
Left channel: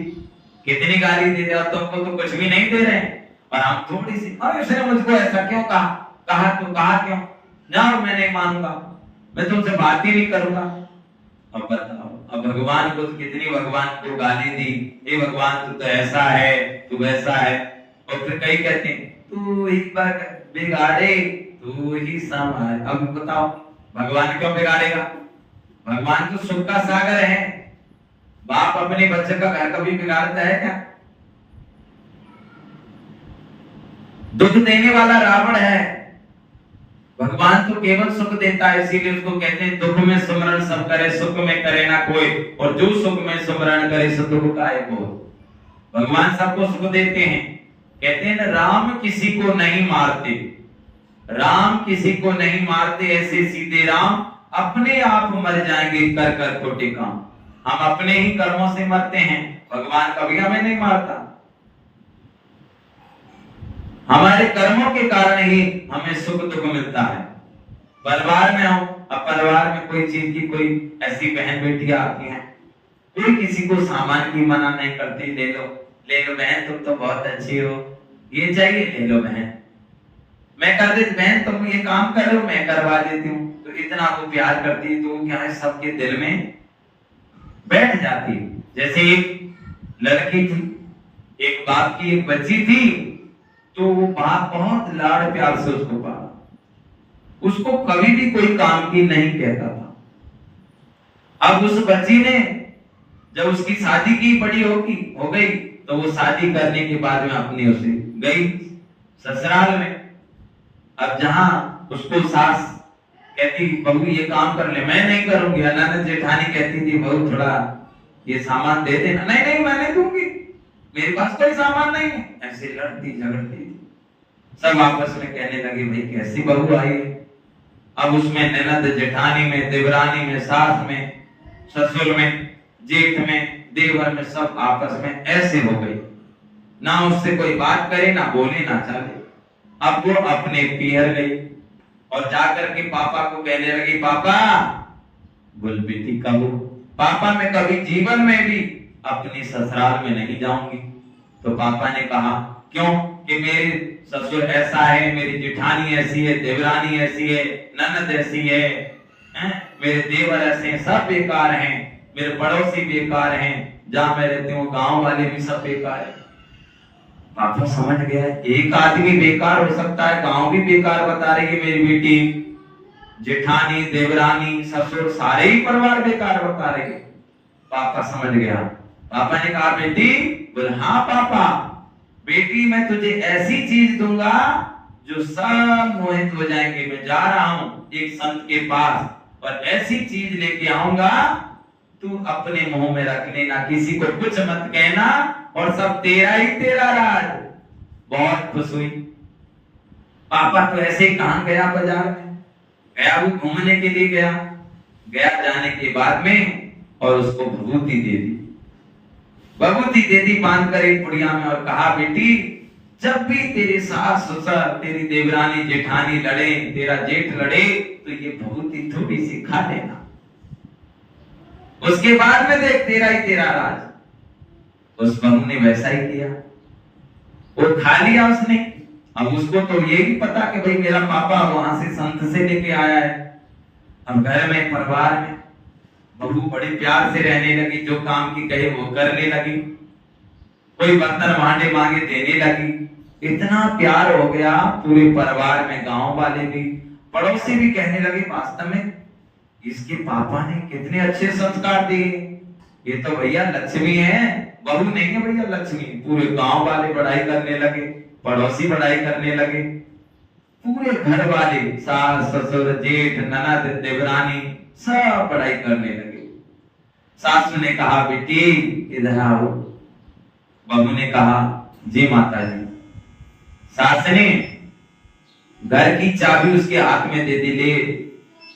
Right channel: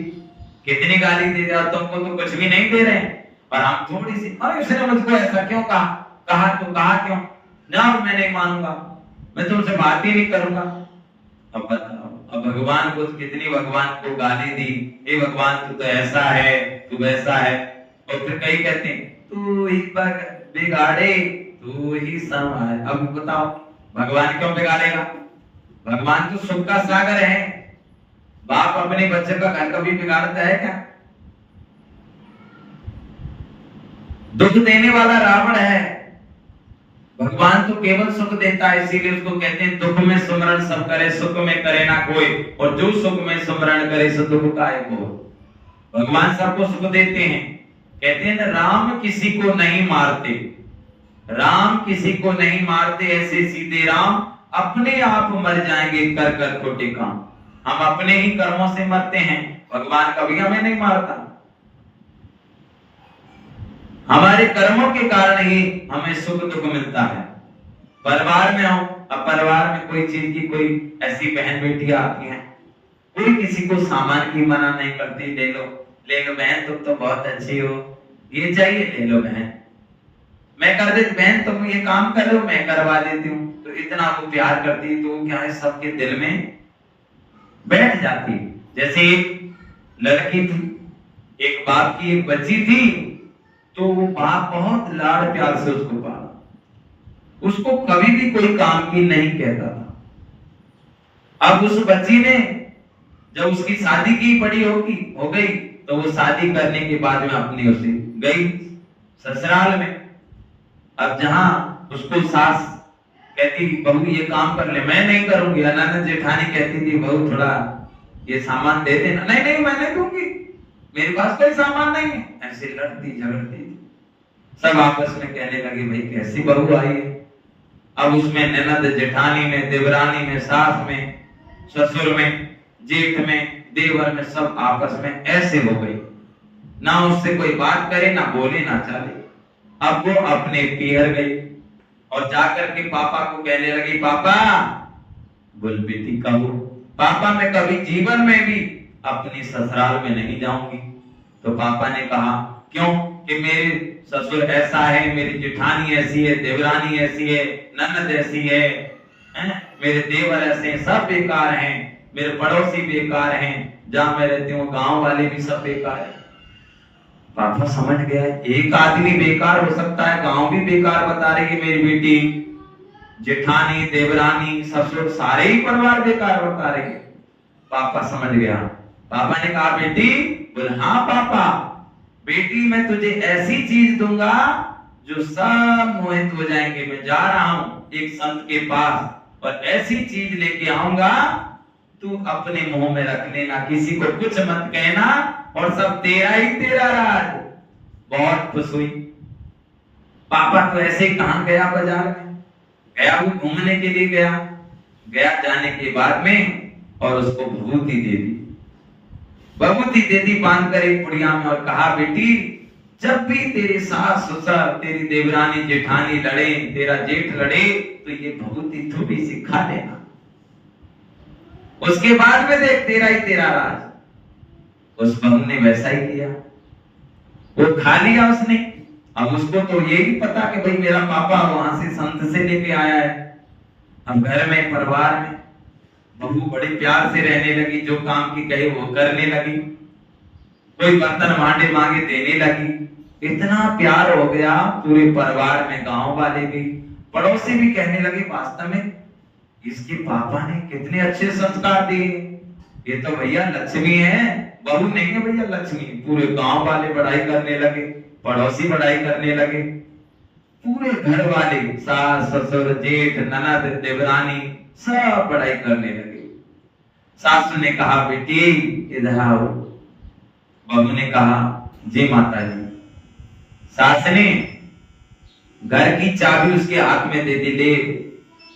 कितनी गाली दी, और तुमको तो कुछ भी नहीं दे रहे हैं। और हम थोड़ी सी, अरे उसने मुझको ऐसा क्यों कहा तो कहा क्यों? ना मैं नहीं मानूंगा, मैं तुमसे बात ही नहीं करूंगा। अब बताओ, अब भगवान को कितनी, भगवान को गाली दी, हे भगवान तू तो ऐसा है, तू वैसा है। और फिर कई कहते हैं तू एक बार बिगाड़े तू ही संभाल। अब बताओ भगवान क्यों बिगाड़ेगा? भगवान तो सुख का सागर है। बाप अपने बच्चे का घर कभी बिगाड़ता है क्या? दुख देने वाला रावण है, भगवान तो केवल सुख देता है। इसीलिए उसको कहते हैं दुख में सुमरण सब करे, सुख में करे ना कोई, और जो सुख में सुमरण करे सो दुख काहे को। भगवान सबको सुख देते हैं, कहते हैं ना, राम किसी को नहीं मारते, राम किसी को नहीं मारते, ऐसे सीधे राम अपने आप मर जाएंगे कर कर खोटे काम। हम अपने ही कर्मों से मरते हैं, भगवान कभी हमें नहीं मारता। हमारे कर्मों के कारण ही हमें सुख दुख मिलता है। परिवार में हो, अब परिवार में कोई चीज की कोई ऐसी बहन बेटी आती है, कोई किसी को सामान की मना नहीं करती, ले लो बहन, तुम तो बहुत अच्छी हो, ये चाहिए ले लो बहन, मैं कर देती, बहन तुम ये काम कर लो मैं करवा देती हूँ। तो इतना वो प्यार करती है, तो क्या है, सबके दिल में बैठ जाती है। जैसे एक लड़की थी, एक बाप की एक बच्ची थी, तो वो बाप बहुत लाड़ प्यार से उसको पाला, उसको कभी भी कोई काम की नहीं कहता था। अब उस बच्ची ने जब उसकी शादी की बड़ी हो गई, तो वो शादी करने के बाद में अपनी उसे गई ससुराल में। अब जहां उसको सास कहती बहू ये काम कर ले, मैं नहीं करूंगी, ननद जेठानी कहती थी बहू थोड़ा ये सामान दे देना, नहीं नहीं मैं नहीं दूंगी, मेरे पास कोई सामान नहीं है, ऐसे लड़ती झगड़ती थी। सब आपस में कहने लगे भाई कैसी बहू आई है। अब उसमें ननद जेठानी में, देवरानी में, सास में, ससुर में, जेठ में, देवर में, सब आपस में ऐसे हो गई, ना उससे कोई बात करे, ना बोले, ना चले। अब वो अपने पियर गई और जाकर के पापा को कहने लगी, पापा गुलबीती कहो, पापा मैं कभी जीवन में भी अपनी ससुराल में नहीं जाऊंगी। तो पापा ने कहा क्यों, कि मेरे ससुर ऐसा है, मेरी जेठानी ऐसी है, देवरानी ऐसी है, ननद ऐसी है, मेरे देवर ऐसे हैं, सब बेकार हैं, मेरे पड़ोसी बेकार हैं, जहां मैं रहती हूँ गांव वाले भी सब बेकार है। पापा समझ गया, एक आदमी बेकार हो सकता है, गांव भी बेकार बता रही है मेरी बेटी, जेठानी, देवरानी, ससुर, सारे ही परिवार बेकार बता रही है। पापा समझ गया। पापा ने कहा बेटी, बोले हाँ पापा, बेटी मैं तुझे ऐसी चीज दूंगा जो सब मोहित हो जाएंगे। मैं जा रहा हूँ एक संत के पास और ऐसी चीज लेके आऊंगा, तू अपने मुंह में रख लेना, किसी को कुछ मत कहना, और सब तेरा ही तेरा राज। बहुत खुश हुई। पापा तो ऐसे ही कहां गया, बाजार में गया, वो घूमने के लिए गया जाने के बाद में और उसको भभूति दे दी, बांध कर एक पुड़िया में, और कहा बेटी जब भी तेरे सास ससुर, तेरी देवरानी जेठानी लड़े, तेरा जेठ लड़े, तो ये भभूति थोड़ी सी खा लेना, उसके बाद में देख तेरा ही तेरा राज। उस बहू ने वैसा ही किया, वो खा लिया उसने। अब उसको तो ये भी पता कि भाई मेरा पापा वहां से संत से लेके आया है। अब घर में, परिवार में बहू बड़े प्यार से रहने लगी, जो काम की कहे वो करने लगी, कोई बर्तन भांडे मांगे देने लगी। इतना प्यार हो गया पूरे परिवार में, गांव वाले भी, पड़ोसी भी कहने लगे वास्तव में इसके पापा ने कितने अच्छे संस्कार दिए, ये तो भैया लक्ष्मी है, बहू नहीं है भैया लक्ष्मी। पूरे गांव वाले बड़ाई करने लगे, पड़ोसी बड़ाई करने लगे, पूरे घर वाले, सास ससुर, जेठ, ननद, देवरानी, सब बड़ाई करने लगे। सासू ने कहा बेटी इधर आओ। बहू ने कहा जी माता जी। सास ने घर की चाबी उसके हाथ में दे दी, ले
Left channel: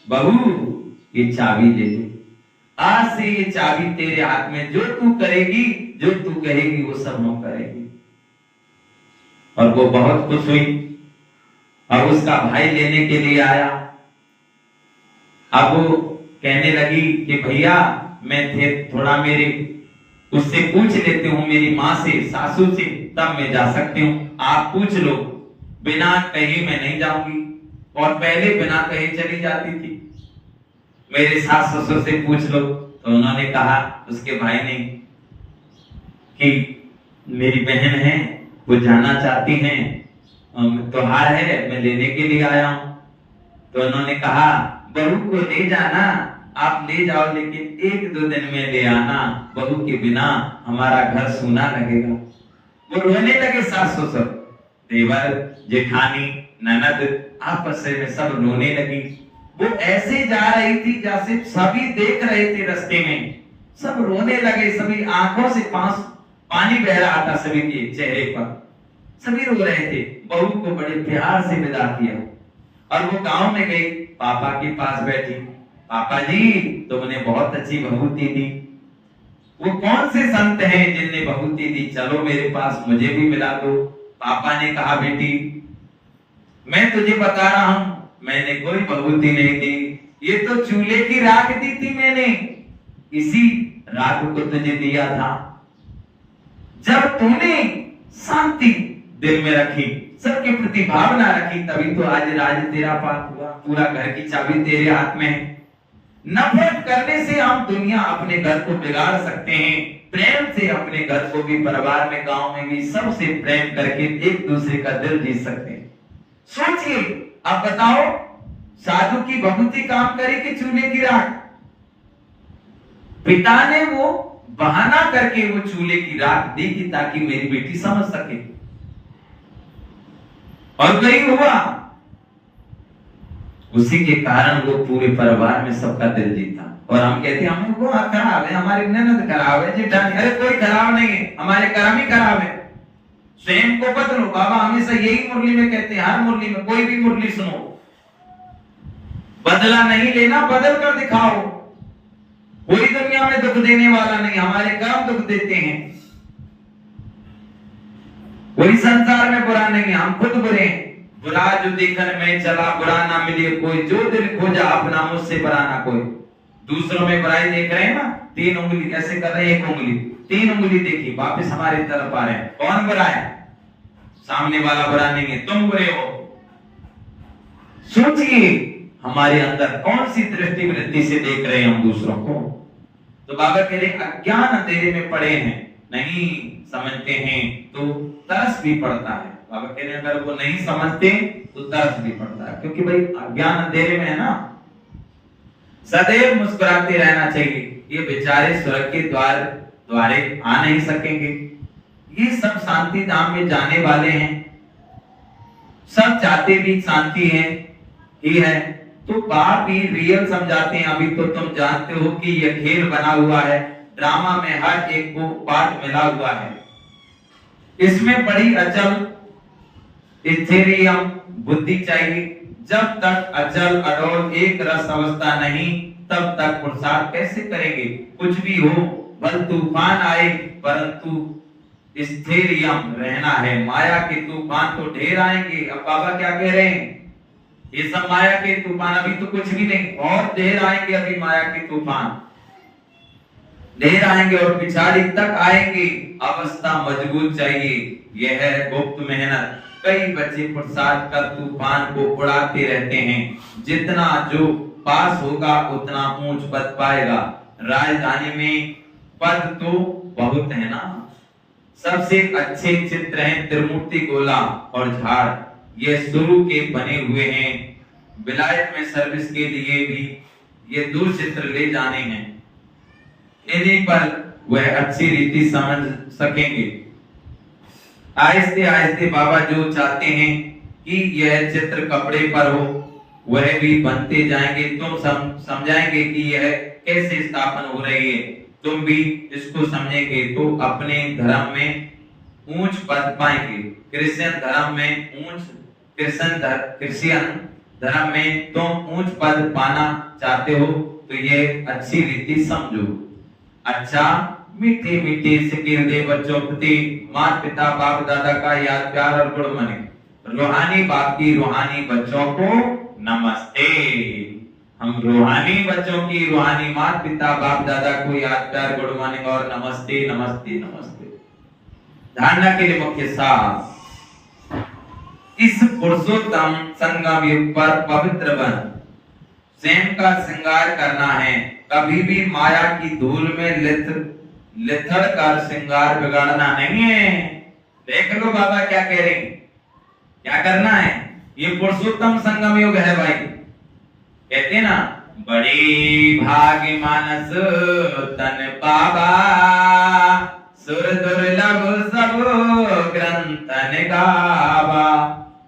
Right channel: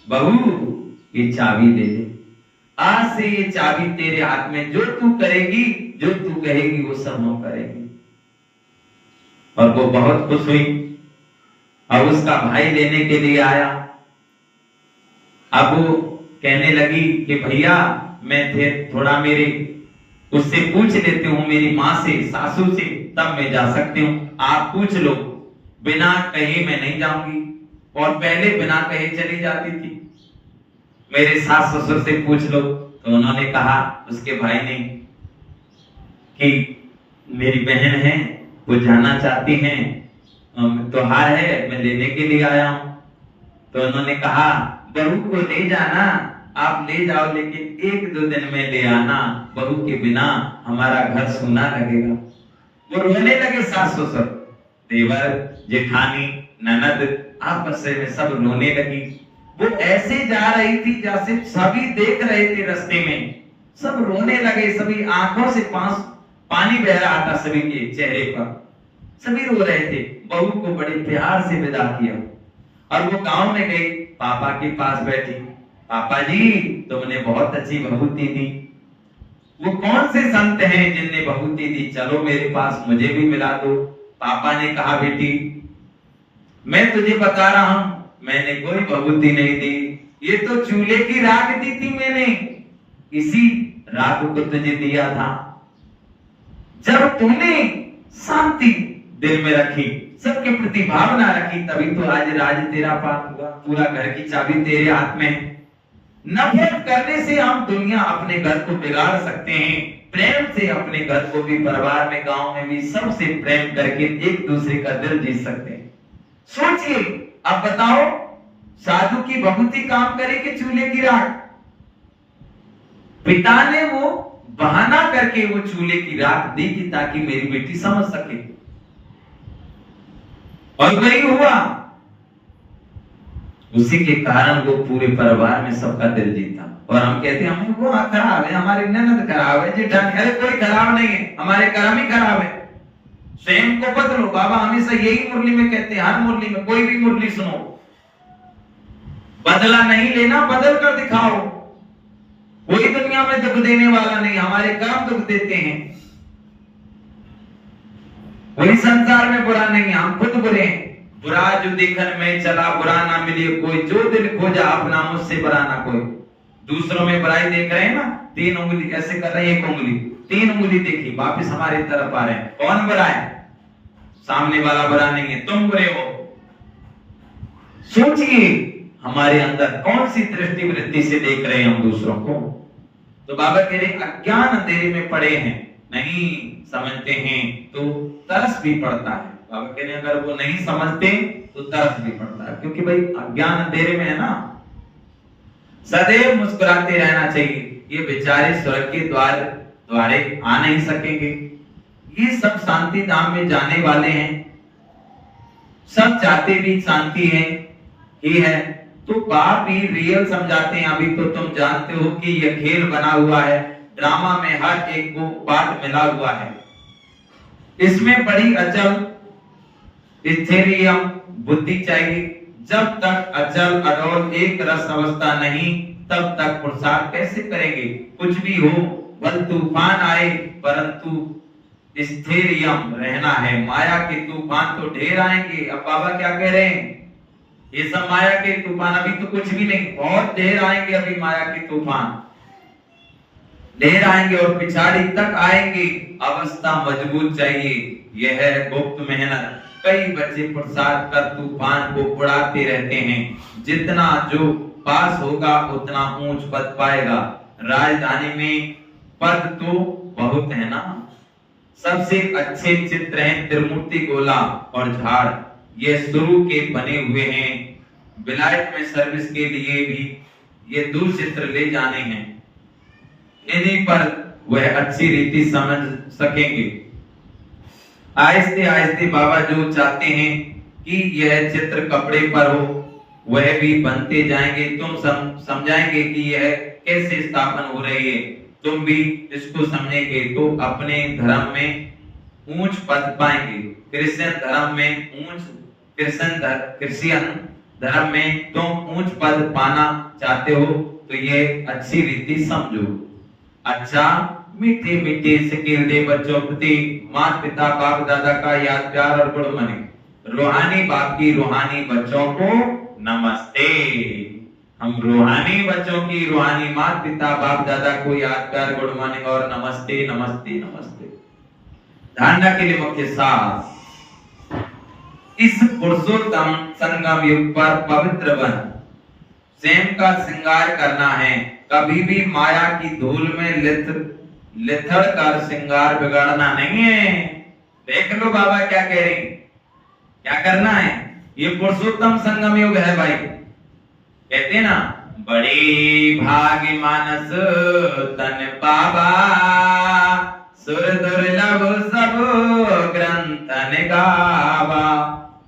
बहू ये चाबी ले ले, आज से ये चाबी तेरे हाथ में, जो तू करेगी, जो तू कहेगी वो सब हम करेंगे। और वो बहुत खुश हुई। अब उसका भाई लेने के लिए आया। अब वो कहने लगी कि भैया मैं थोड़ा मेरे उससे पूछ लेती हूँ, मेरी माँ से, सासू से, तब मैं जा सकती हूँ, आप पूछ लो, बिना कहे मैं नहीं जाऊंगी। और पहले बिना कहे चली जाती थी, मेरे सास ससुर से पूछ लो। तो उन्होंने कहा, उसके भाई ने, कि मेरी बहन है वो जाना चाहती हैं, त्योहार है, मैं लेने के लिए आया हूं। तो उन्होंने कहा बहू को ले जाना, आप ले जाओ, लेकिन 1-2 दिन में ले आना, बहू के बिना हमारा घर सूना लगेगा। वो रोने लगे, सास ससुर, देवर, जेठानी, ननद, आपस में सब रोने लगी। वो ऐसे जा रही थी जैसे सभी देख रहे थे, रास्ते में सब रोने लगे, सभी आंखों से पानी बह रहा था सभी के चेहरे पर। सभी रो रहे थे। बहू को बड़े प्यार से विदा किया और वो गांव में गई, पापा के पास बैठी। पापा जी, तुमने बहुत अच्छी बहुती दी। वो कौन से संत हैं जिनने बहुती दी, चलो मेरे पास, मुझे भी मिला दो। पापा ने कहा, बेटी मैं तुझे बता रहा हूं, मैंने कोई बहुती नहीं दी, ये तो चूल्हे की राख दी थी मैंने, इसी राख को तुझे दिया था। जब तूने शांति दिल में रखी, सबके प्रति भावना रखी, तभी तो आज राज तेरा पार हुआ, पूरा घर की चाबी तेरे हाथ में है। नफरत करने से हम दुनिया अपने घर को बिगाड़ सकते हैं, प्रेम से अपने घर को भी, परिवार में, गांव में भी सबसे प्रेम करके एक दूसरे का दिल जीत सकते हैं। सोचिए, अब बताओ, साधु की बहुती काम करे कि चूल्हे की राख? पिता ने वो बहाना करके वो चूल्हे की राख दी कि ताकि मेरी बेटी समझ सके, और वही हुआ। उसी के कारण वो पूरे परिवार में सबका दिल जीता। और हम कहते हैं हमको खराब है, हमारी ननद खराब है, जेठानी, अरे कोई खराब नहीं है, हमारे कर्म ही खराब है। स्वयं को बदलो। बाबा हमेशा यही मुरली में कहते हैं, हर मुरली में, कोई भी मुरली सुनो, बदला नहीं लेना, बदल कर दिखाओ। कोई दुनिया में दुख देने वाला नहीं, हमारे कर्म दुख देते हैं। कोई संसार में बुरा नहीं है, हम खुद बुरे हैं। बुरा जो देखन में चला, बुरा ना मिले कोई, जो दिल खोजा अपना, मुझसे बुरा ना कोई। दूसरों में बुराई देख रहे हैं ना, 3 उंगली ऐसे कर रहे हैं, 1 उंगली, 3 उंगली देखी, वापस हमारी तरफ आ रहे हैं। कौन बुरा है? सामने वाला बुरा नहीं है, तुम बुरे हो। सोचिए हमारे अंदर कौन सी दृष्टि वृत्ति से देख रहे हैं हम दूसरों को। तो बाबा कह रहे अज्ञान अंधेरे में पड़े हैं, नहीं समझते हैं तो तरस भी पड़ता है। बाबा कह रहे अगर वो नहीं समझते तो तरस भी पड़ता है, क्योंकि भाई अज्ञान अंधेरे में है ना। सदैव मुस्कुराते रहना चाहिए। ये बेचारे स्वर्ग के द्वारे आ नहीं सकेंगे, ये सब शांति धाम में जाने वाले हैं, सब चाहते भी शांति है ही है। तो बाप ही रियल समझाते हैं। अभी तो तुम जानते हो कि यह खेल बना हुआ है, ड्रामा में हर एक को पार्ट मिला हुआ है। इसमें बड़ी अचल स्थिरियम बुद्धि चाहिए। जब तक अचल अडोल एक रस अवस्था नहीं, तब तक पुरुषार्थ कैसे करेंगे? कुछ भी हो, बल तूफान आए, परंतु स्थिरियम रहना है। माया के तूफान तो ढेर आएंगे। अब बाबा क्या कह रहे हैं? ये सब माया के तूफान, अभी तो कुछ भी नहीं, और ढेर आएंगे। अभी माया के तूफान ढेर आएंगे और पिछाड़ी तक आएंगे। अवस्था मजबूत चाहिए, यह है गुप्त मेहनत। कई बच्चे पुरुषार्थ कर तूफान को उड़ाते रहते हैं। जितना जो पास होगा उतना ऊंच पद पाएगा। राजधानी में पद तो बहुत है ना। सबसे अच्छे चित्र हैं त्रिमूर्ति गोला और झाड़, ये शुरू के बने हुए हैं। विलायत में सर्विस के लिए भी ये 2 चित्र ले जाने हैं। इन्हीं पर वह अच्छी रीति समझ सकेंगे। आहिस्ते आहिस्ते बाबा जो चाहते हैं कि यह चित्र कपड़े पर हो, वह भी बनते जाएंगे। तुम समझाएंगे कि यह कैसे स्थापन हो रही है, तुम भी इसको समझेंगे तो अपने धर्म में ऊंच पद पाएंगे। क्रिश्चियन धर्म में तुम ऊंच पद पाना चाहते हो तो ये अच्छी रीति समझो। अच्छा, मीठे मीठे सिकिल दे बच्चों प्रति माता पिता बाप दादा का याद प्यार और गुड मॉर्निंग। रूहानी बाप की रूहानी बच्चों को नमस्ते। हम रूहानी बच्चों की रूहानी माता पिता बाप दादा को याद प्यार गुड मॉर्निंग और नमस्ते नमस्ते नमस्ते। धारणा के लिए मुख्य सार, इस पुरुषोत्तम संगम युग पर पवित्र बन स्वयं का श्रृंगार करना है। कभी भी माया की धूल में लिथड़ कर श्रृंगार बिगाड़ना नहीं है। देख लो बाबा क्या कह रहे हैं, क्या करना है। ये पुरुषोत्तम संगम युग है भाई। कहते ना, बड़ी भाग्य मानस तन बाबा, सुर दुर्लभ सब ग्रंथन गावा।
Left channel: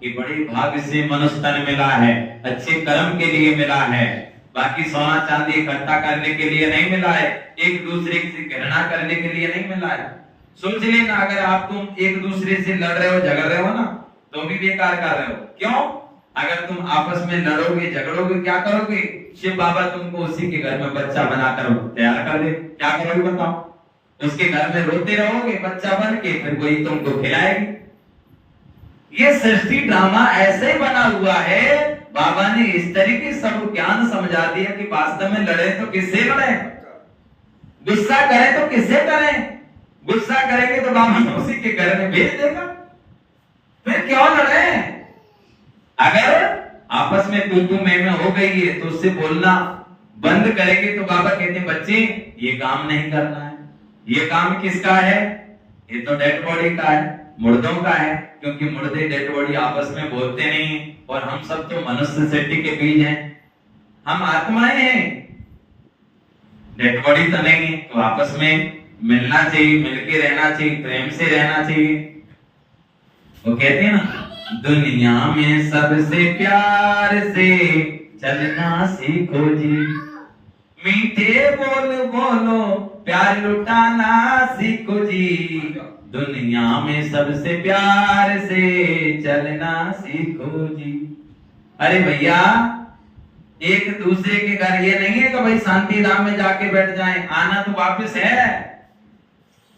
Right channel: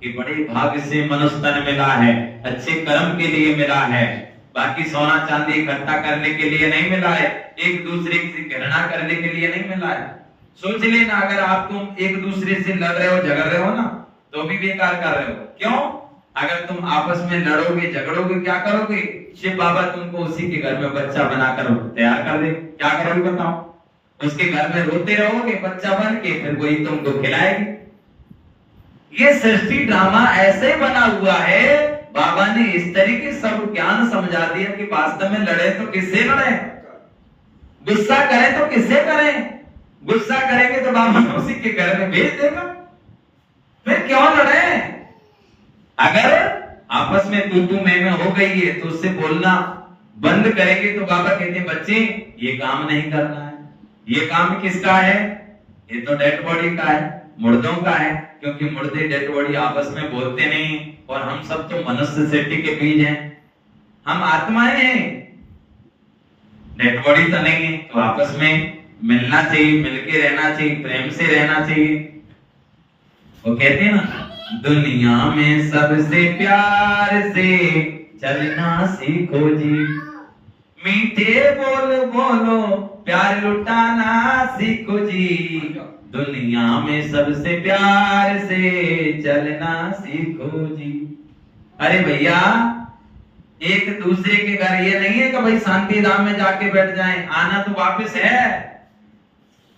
ये बड़े भाग्य से मनुष्य तन मिला है, अच्छे कर्म के लिए मिला है। बाकी सोना चांदी इकट्ठा करने के लिए नहीं मिला है, एक दूसरे से घृणा करने के लिए नहीं मिला है। सोच लेना, अगर आप तुम एक दूसरे से लड़ रहे हो, झगड़ रहे हो ना, तो भी बेकार कर रहे हो। क्यों? अगर तुम आपस में लड़ोगे, झगड़ोगे, क्या करोगे? शिव बाबा तुमको उसी के घर में बच्चा बनाकर तैयार कर दे, क्या करोगे बताओ? उसके घर में रोते रहोगे बच्चा बन के, फिर वही तुमको खिलाएगी। ये सृष्टि ड्रामा ऐसे बना हुआ है, बाबा ने इस तरीके सब ज्ञान समझा दिया कि वास्तव में लड़े तो किससे लड़े, गुस्सा करें तो किससे करें? गुस्सा करेंगे तो बाबा उसी के घर में भेज देगा, फिर क्यों लड़े? अगर आपस में तू मैं हो गई है तो उससे बोलना बंद करेंगे तो बाबा कहते हैं बच्चे ये काम नहीं करना है। ये काम किसका है? ये तो डेड बॉडी का है, मुर्दों का है, क्योंकि मुर्दे डेड बॉडी आपस में बोलते नहीं, और हम सब तो मनुष्य सृष्टि के बीज हैं, हम आत्माएं हैं, डेड बॉडी तो नहीं है। तो आपस में मिलना चाहिए, मिलके रहना चाहिए, प्रेम से रहना चाहिए। वो कहते हैं ना, दुनिया में सबसे प्यार से चलना सीखो जी, मीठे बोल बोलो प्यार लुटाना सीखो जी, दुनिया में सबसे प्यार से चलना सीखो जी। अरे भैया, एक दूसरे के घर ये नहीं है कि भाई शांति धाम में जाके बैठ जाएं, आना तो वापस है।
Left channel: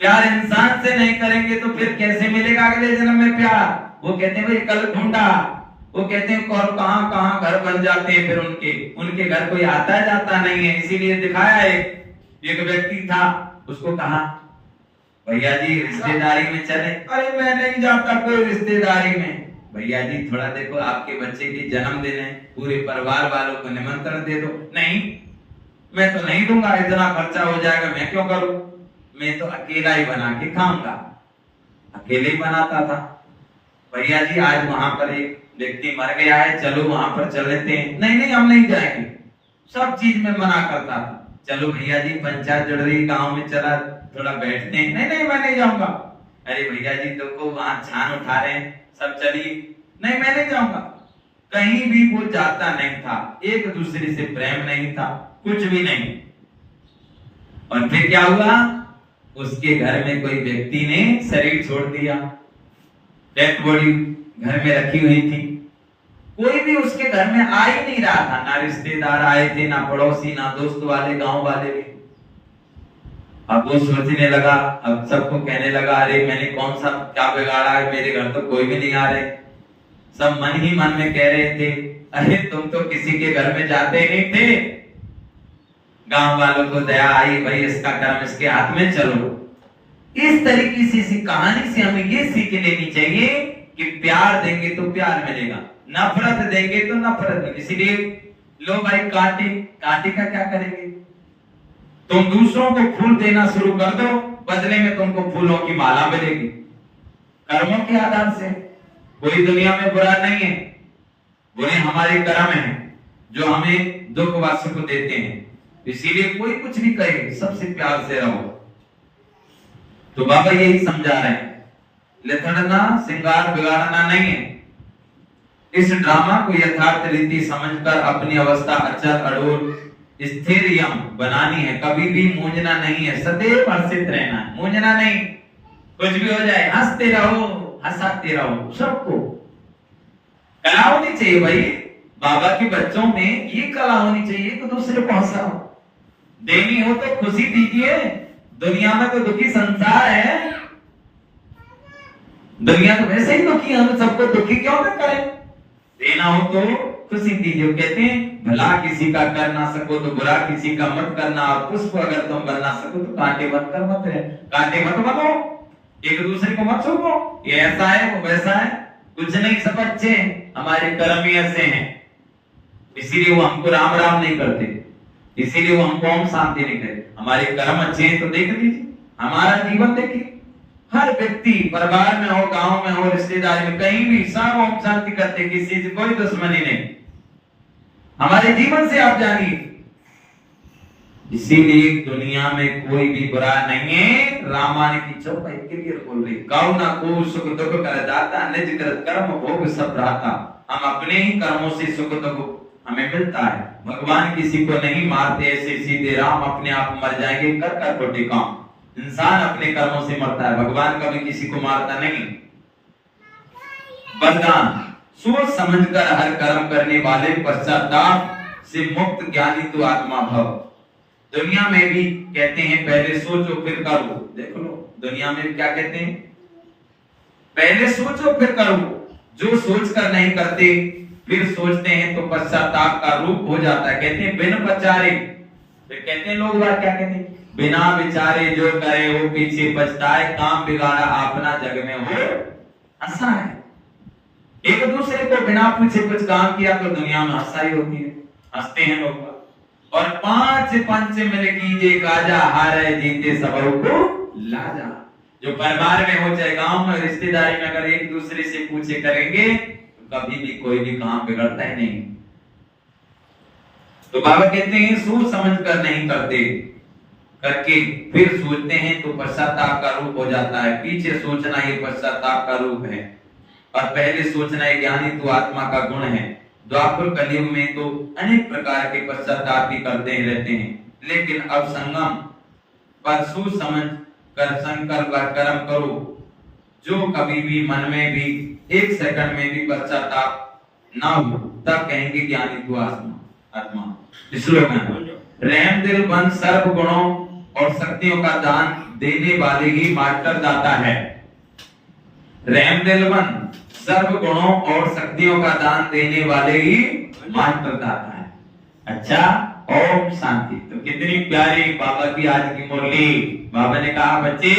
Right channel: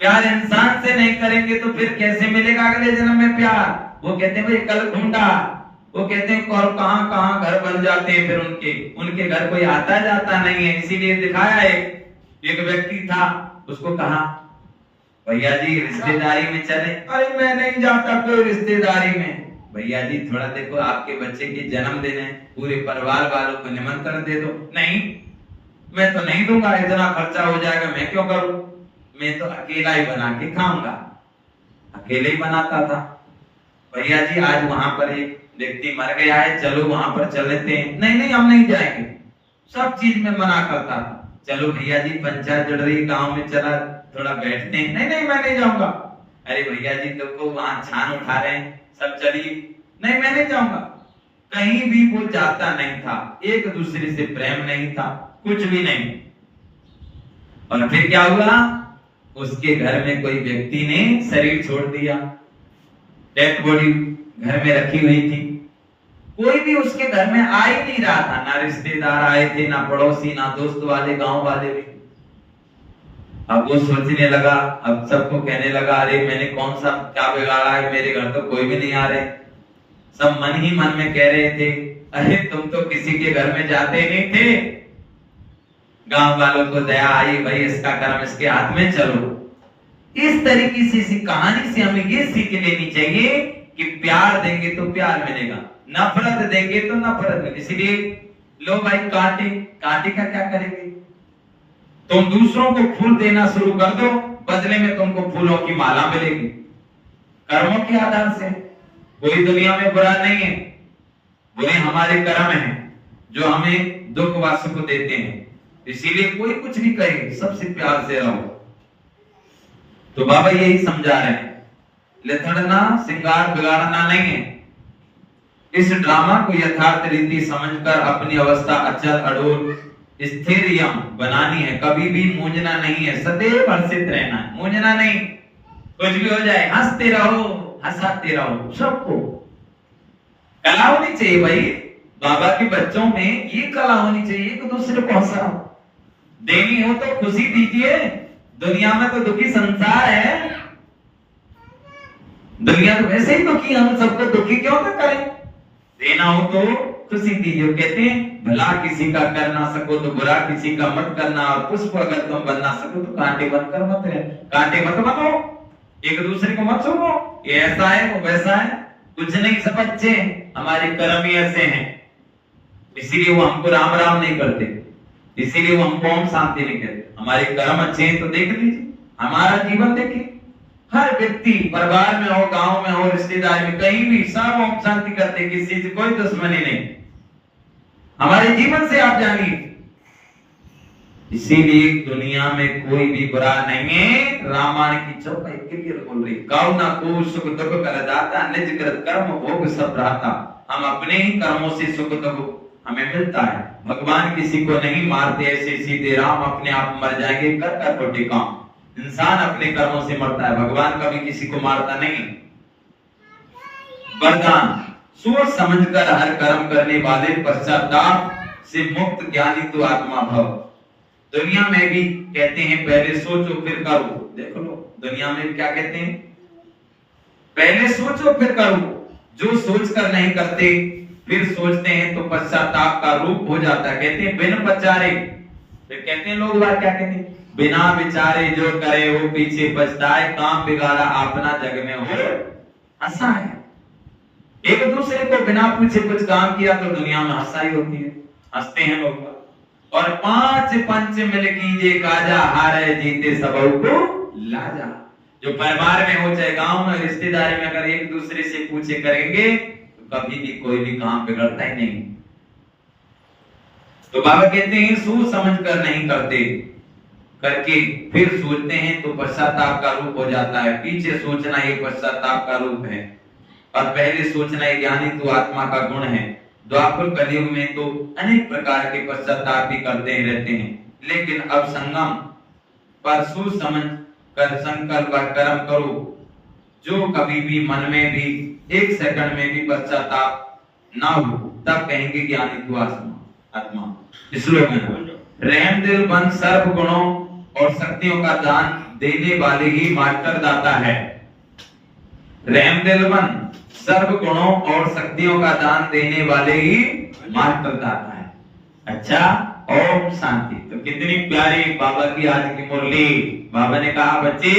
प्यार इंसान से नहीं करेंगे तो फिर कैसे मिलेगा अगले जन्म में प्यार? वो कहते हैं भाई कल ढूंढा, वो कहते हैं कौन कहां कहां घर बन जाते हैं, फिर उनके घर कोई आता जाता नहीं है। इसीलिए दिखाया एक व्यक्ति था, उसको कहा भैया जी रिश्तेदारी में चले। अरे मैं नहीं जाता कोई रिश्तेदारी में। भैया जी थोड़ा देखो, आपके बच्चे की जन्मदिन है, पूरे परिवार वालों को निमंत्रण दे दो। नहीं, मैं तो नहीं दूंगा, इतना खर्चा हो जाएगा, मैं क्यों करूं, मैं तो अकेला ही बना के खाऊंगा। अकेले ही बनाता था। भैया जी आज वहां पर एक व्यक्ति मर गया है, चलो वहां पर चल लेते हैं। नहीं नहीं हम नहीं जाएंगे, सब चीज में मना करता था। चलो भैया जी पंचायत जड़ रही गांव में, चला थोड़ा बैठते हैं। नहीं नहीं मैं नहीं जाऊंगा। अरे भैया जी देखो वहां छान उठा रहे हैं, सब चलिए। नहीं मैं नहीं जाऊंगा। कहीं भी वो जाता नहीं था, एक दूसरे से प्रेम नहीं था, कुछ भी नहीं। और फिर क्या हुआ, उसके घर में कोई व्यक्ति ने शरीर छोड़ दिया, डेड बॉडी घर में रखी हुई थी। कोई भी उसके घर में आ ही नहीं रहा था, ना रिश्तेदार आए थे, ना पड़ोसी, ना दोस्त वाले, गांव वाले भी। अब वो सोचने लगा, अब सबको कहने लगा अरे मैंने कौन सा क्या बिगाड़ा है, मेरे घर तो कोई भी नहीं आ रहे। सब मन ही मन में कह रहे थे अरे तुम तो किसी के घर में जाते नहीं थे। गांव वालों को दया आई, भाई इसका कर्म इसके हाथ में, चलो। इस तरीके से इसी कहानी से हमें ये सीख लेनी चाहिए कि प्यार देंगे तो प्यार मिलेगा, नफरत देंगे तो नफरत मिलेगी। इसीलिए लो भाई कांटे, कांटे का क्या करेंगे? तुम दूसरों को फूल देना शुरू कर दो, बदले में तुमको फूलों की माला मिलेगी। कर्मों के आधार से कोई दुनिया में बुरा नहीं है, बुरे हमारे कर्म हैं जो हमें दुख व सुख देते हैं। इसीलिए कोई कुछ भी कहे, सबसे प्यार से रहो। तो बाबा यही समझा रहे हैं, लिथड़ना श्रृंगार बिगाड़ना नहीं है। इस ड्रामा को यथार्थ रीति समझकर अपनी अवस्था अचल अडोल स्थिर यम बनानी है। कभी भी मूंझना नहीं है, सदैव हर्षित रहना है, मूंझना नहीं। कुछ भी हो जाए हंसते रहो, हंसाते रहो। सबको कला होनी चाहिए भाई, बाबा के बच्चों में ये कला होनी चाहिए कि दूसरे को हंसाओ। देनी हो तो खुशी दीजिए। दुनिया में तो दुखी संसार है, दुनिया तो वैसे ही दुखी, हम सबको दुखी क्यों ना करें? देना हो तो खुशी दीजिए। कहते हैं भला किसी का कर ना सको तो बुरा किसी का मत करना, और पुष्प अगर तुम बन ना सको तो कांटे बनकर मत रहे। कांटे मत बनो, एक दूसरे को मत छुओ, ये ऐसा है वो वैसा है, कुछ नहीं, सब अच्छे हैं, हमारे कर्म ही ऐसे हैं। इसीलिए वो हमको राम राम नहीं करते, इसीलिए वो हमको ओम शांति नहीं कहते। हमारे कर्म अच्छे हैं तो देख लीजिए, हमारा जीवन देखिए। हर व्यक्ति परिवार में हो, गांव में हो, रिश्तेदारी में, कहीं भी सब ओम शांति करते, किसी से कोई दुश्मनी नहीं। हमारे जीवन से आप जानिए। इसीलिए दुनिया में कोई भी बुरा नहीं है। रामायण की चौपाई क्लियर बोल रही, कौ ना को सुख दुख कर दाता, निज कृत कर्म भोग सब रहता। हम अपने ही कर्मों से सुख दुख हमें मिलता है। भगवान किसी को नहीं मारते, ऐसे सीधे राम अपने आप मर जाएंगे कर कर खोटे काम। इंसान अपने कर्मों से मरता है, भगवान कभी किसी को मारता नहीं। वरदान, सोच समझकर हर कर्म करने वाले पश्चाताप से मुक्त ज्ञानी तो आत्मा भव। दुनिया में भी कहते हैं पहले सोचो फिर करो। देख लो दुनिया में क्या कहते हैं, पहले सोचो फिर करो। जो सोचकर नहीं करते फिर सोचते हैं तो पश्चाताप का रूप हो जाता है। कहते हैं बिन विचारे, फिर कहते हैं लोग क्या कहते हैं, बिना विचारे जो करे वो पीछे पछताए, काम बिगाड़ा अपना जग में हो हंसा है। एक दूसरे को बिना पूछे कुछ काम किया तो दुनिया में हंसाई होती है, हंसते हैं लोग। और पांच पंच मिल कीजिए काजा, हारे जीते सबों को लाजा। जो परिवार में हो चाहे गांव में रिश्तेदारी में अगर एक दूसरे से पूछे करेंगे तो कभी भी कोई भी काम बिगड़ता ही नहीं। तो बाबा कहते हैं सोच समझ कर नहीं करते, करके फिर सोचते हैं तो पश्चाताप का रूप हो जाता है। पीछे सोचना ये पश्चाताप का रूप है और पहले सोचना ये ज्ञानी तो आत्मा का गुण है। द्वापर कलयुग में तो अनेक प्रकार के पश्चाताप भी करते ही रहते हैं, लेकिन अब संगम पर सोच समझ कर संकल्प कर्म करो। जो कभी भी मन में भी एक सेकंड में भी पश्चाताप ना हो तब कहेंगे ज्ञानी तू आत्मा। स्लोगन, रहम दिल बन सर्व गुणों और शक्तियों का दान देने वाले ही मास्टर दाता है। रहम दिल बन सर्व गुणों और शक्तियों का दान देने वाले ही मास्टर दाता है। अच्छा, ओम शांति। तो कितनी प्यारी बाबा की आज की मुरली। बाबा ने कहा बच्चे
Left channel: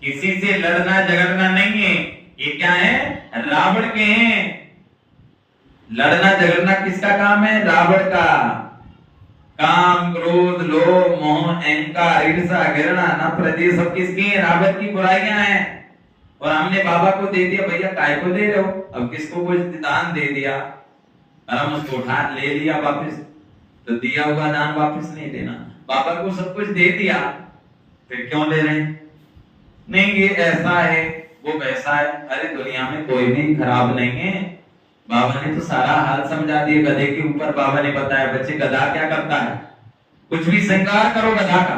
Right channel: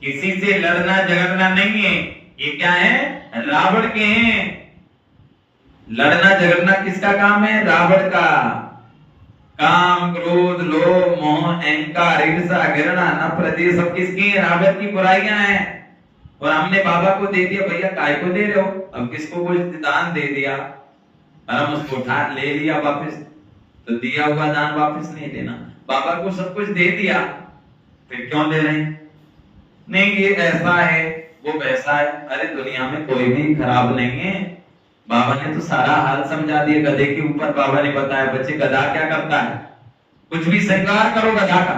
किसी से लड़ना झगड़ना नहीं है, ये क्या है, रावण के हैं। लड़ना झगड़ना किसका काम है, रावण का। काम क्रोध लोभ मोह अहंकार ईर्ष्या घृणा नफरत ये सब किसकी है, रावण की बुराइयां हैं। और हमने बाबा को दे दिया, भैया काय को दे रहे हो, अब किसको कुछ दान दे दिया और हम उसको उठा ले लिया वापस, तो दिया हुआ दान वापस नहीं देना। बाबा को सब कुछ दे दिया फिर क्यों ले रहे हैं, नहीं ये ऐसा है वो वैसा है। अरे दुनिया में कोई भी खराब नहीं है, बाबा ने तो सारा हाल समझा दिया। गधे के ऊपर बाबा ने बताया बच्चे गधा क्या करता है, कुछ भी श्रृंगार करो गधा का,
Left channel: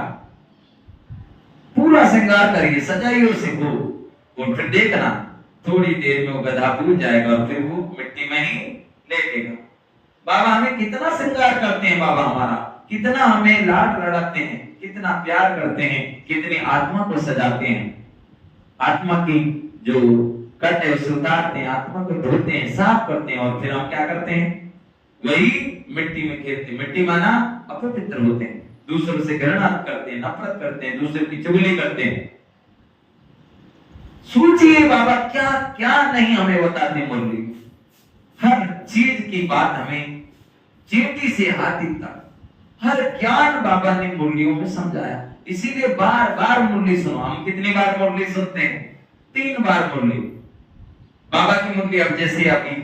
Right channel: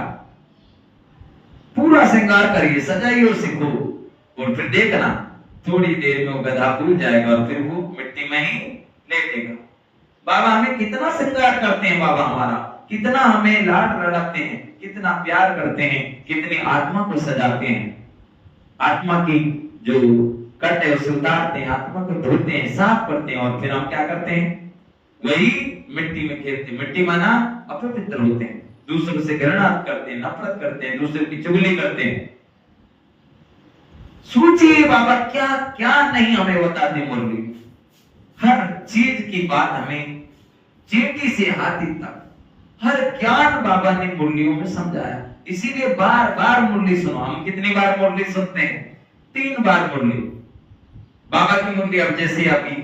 पूरा श्रृंगार करिए सजाइए उसे को, और फिर देखना थोड़ी देर में वो गधा भूल जाएगा और फिर वो मिट्टी में ही लेटेगा। बाबा हमें कितना श्रृंगार करते हैं, बाबा हमारा कितना हमें लाड लड़ाते हैं, कितना प्यार करते हैं, कितनी आत्मा को सजाते हैं। आत्मा की जो कट है उसे उतारते हैं, आत्मा को धोते हैं, साफ करते हैं और फिर हम क्या करते हैं, वही मिट्टी में खेलते हैं। मिट्टी माना अपवित्र होते हैं, दूसरों से घृणा करते हैं, नफरत करते हैं, दूसरों की चुगली करते हैं। सोचिए बाबा क्या क्या नहीं हमें बताते मुरली, हर चीज की बात हमें चींटी से हाथी तक हर ज्ञान बाबा ने मुरलियों में समझाया। इसीलिए बार बार मुरली सुनो। हम कितनी बार मुरली सुनते हैं, 3 बार मुरली। बाबा की मुरली अब जैसे अभी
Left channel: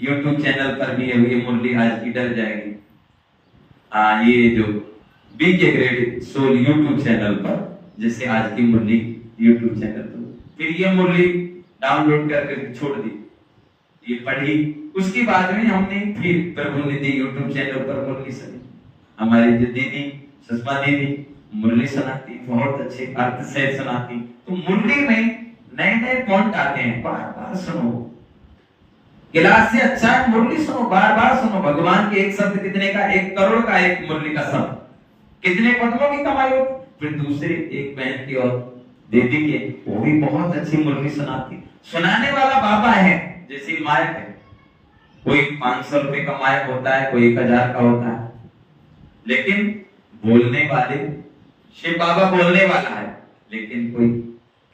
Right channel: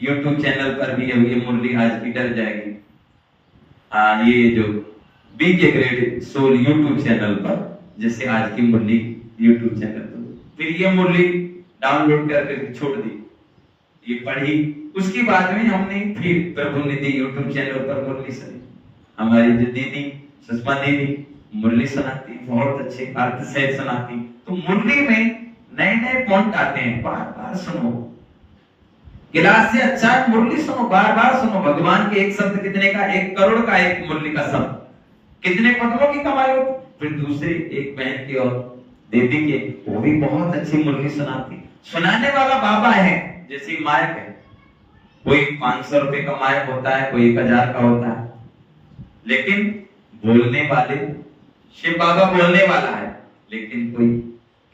YouTube चैनल पर भी है, ये मुरली आज की डर जाएगी। ये जो B K grade soul YouTube channel पर जैसे आज की मुरली YouTube चैनल पर, फिर ये मुरली डाउनलोड करके छोड़ दी, ये पढ़ी, उसके बाद में हमने फिर प्रभु निधि YouTube चैनल पर मुरली सुनी। हमारी जो दीदी सुषमा दीदी मुरली सुनाती, बहुत अच्छे अर्थ से सुनाती। तो मुरली में नए नए पॉइंट आते हैं, बार बार सुनो। गिलास से अच्छा है मुरली सुनो, बार बार सुनो। भगवान के एक शब्द कितने का, 1 करोड़ का एक मुरली का शब्द कितने पत्रों की कमाई होती। फिर दूसरे एक बहन की और दीदी के, वो भी बहुत अच्छी मुरली सुनाती। सुनाने वाला बाबा है, जैसे माइक है, कोई 500 रुपए का माइक होता है, कोई 1000 का होता है, लेकिन बोलने वाले शिव बाबा बोलने वाला है। लेकिन कोई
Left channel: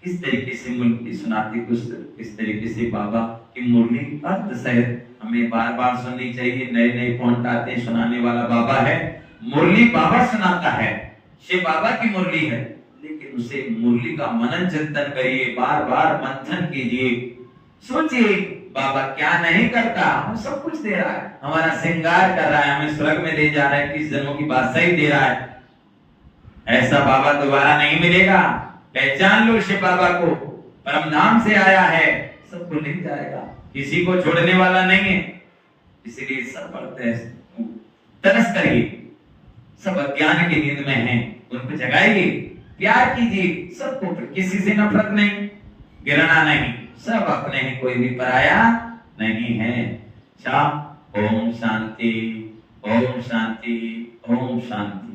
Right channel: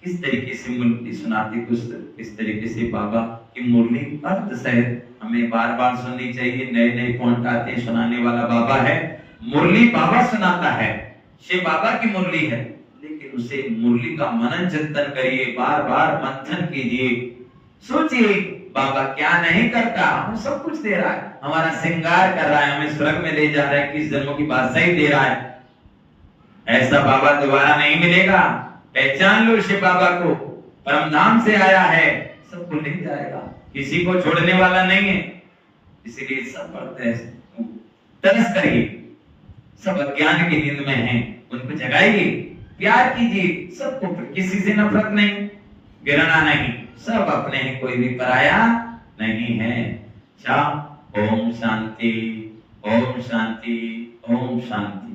किस तरीके से मुरली सुनाती, कुछ इस तरीके से बाबा की मुरली अर्थ सहित हमें बार बार सुननी चाहिए। नए नए पॉइंट आते हैं, सुनाने वाला बाबा है, मुरली बाबा सुनाता है, शिव बाबा की मुरली है। लेकिन उसे मुरली का मनन चिंतन करिए, बार बार मंथन कीजिए, सोचिए बाबा क्या नहीं करता, हम सब कुछ दे रहा है, हमारा श्रृंगार कर रहा है, हमें स्वर्ग में ले जा रहा है, किस जन्मों की बादशाही दे रहा है। ऐसा बाबा दोबारा नहीं मिलेगा। पहचान लो शिव बाबा को, परम धाम से आया है, सबको ले जाएगा, किसी को छोड़ने वाला नहीं है। इसीलिए सब पढ़ते तरस करिए, सब अज्ञान की नींद में हैं, उनको जगाइए, प्यार कीजिए सबको, किसी से नफरत नहीं, घृणा नहीं, सब अपने हैं, कोई भी पराया नहीं है। अच्छा, ओम शांति, ओम शांति, ओम शांति।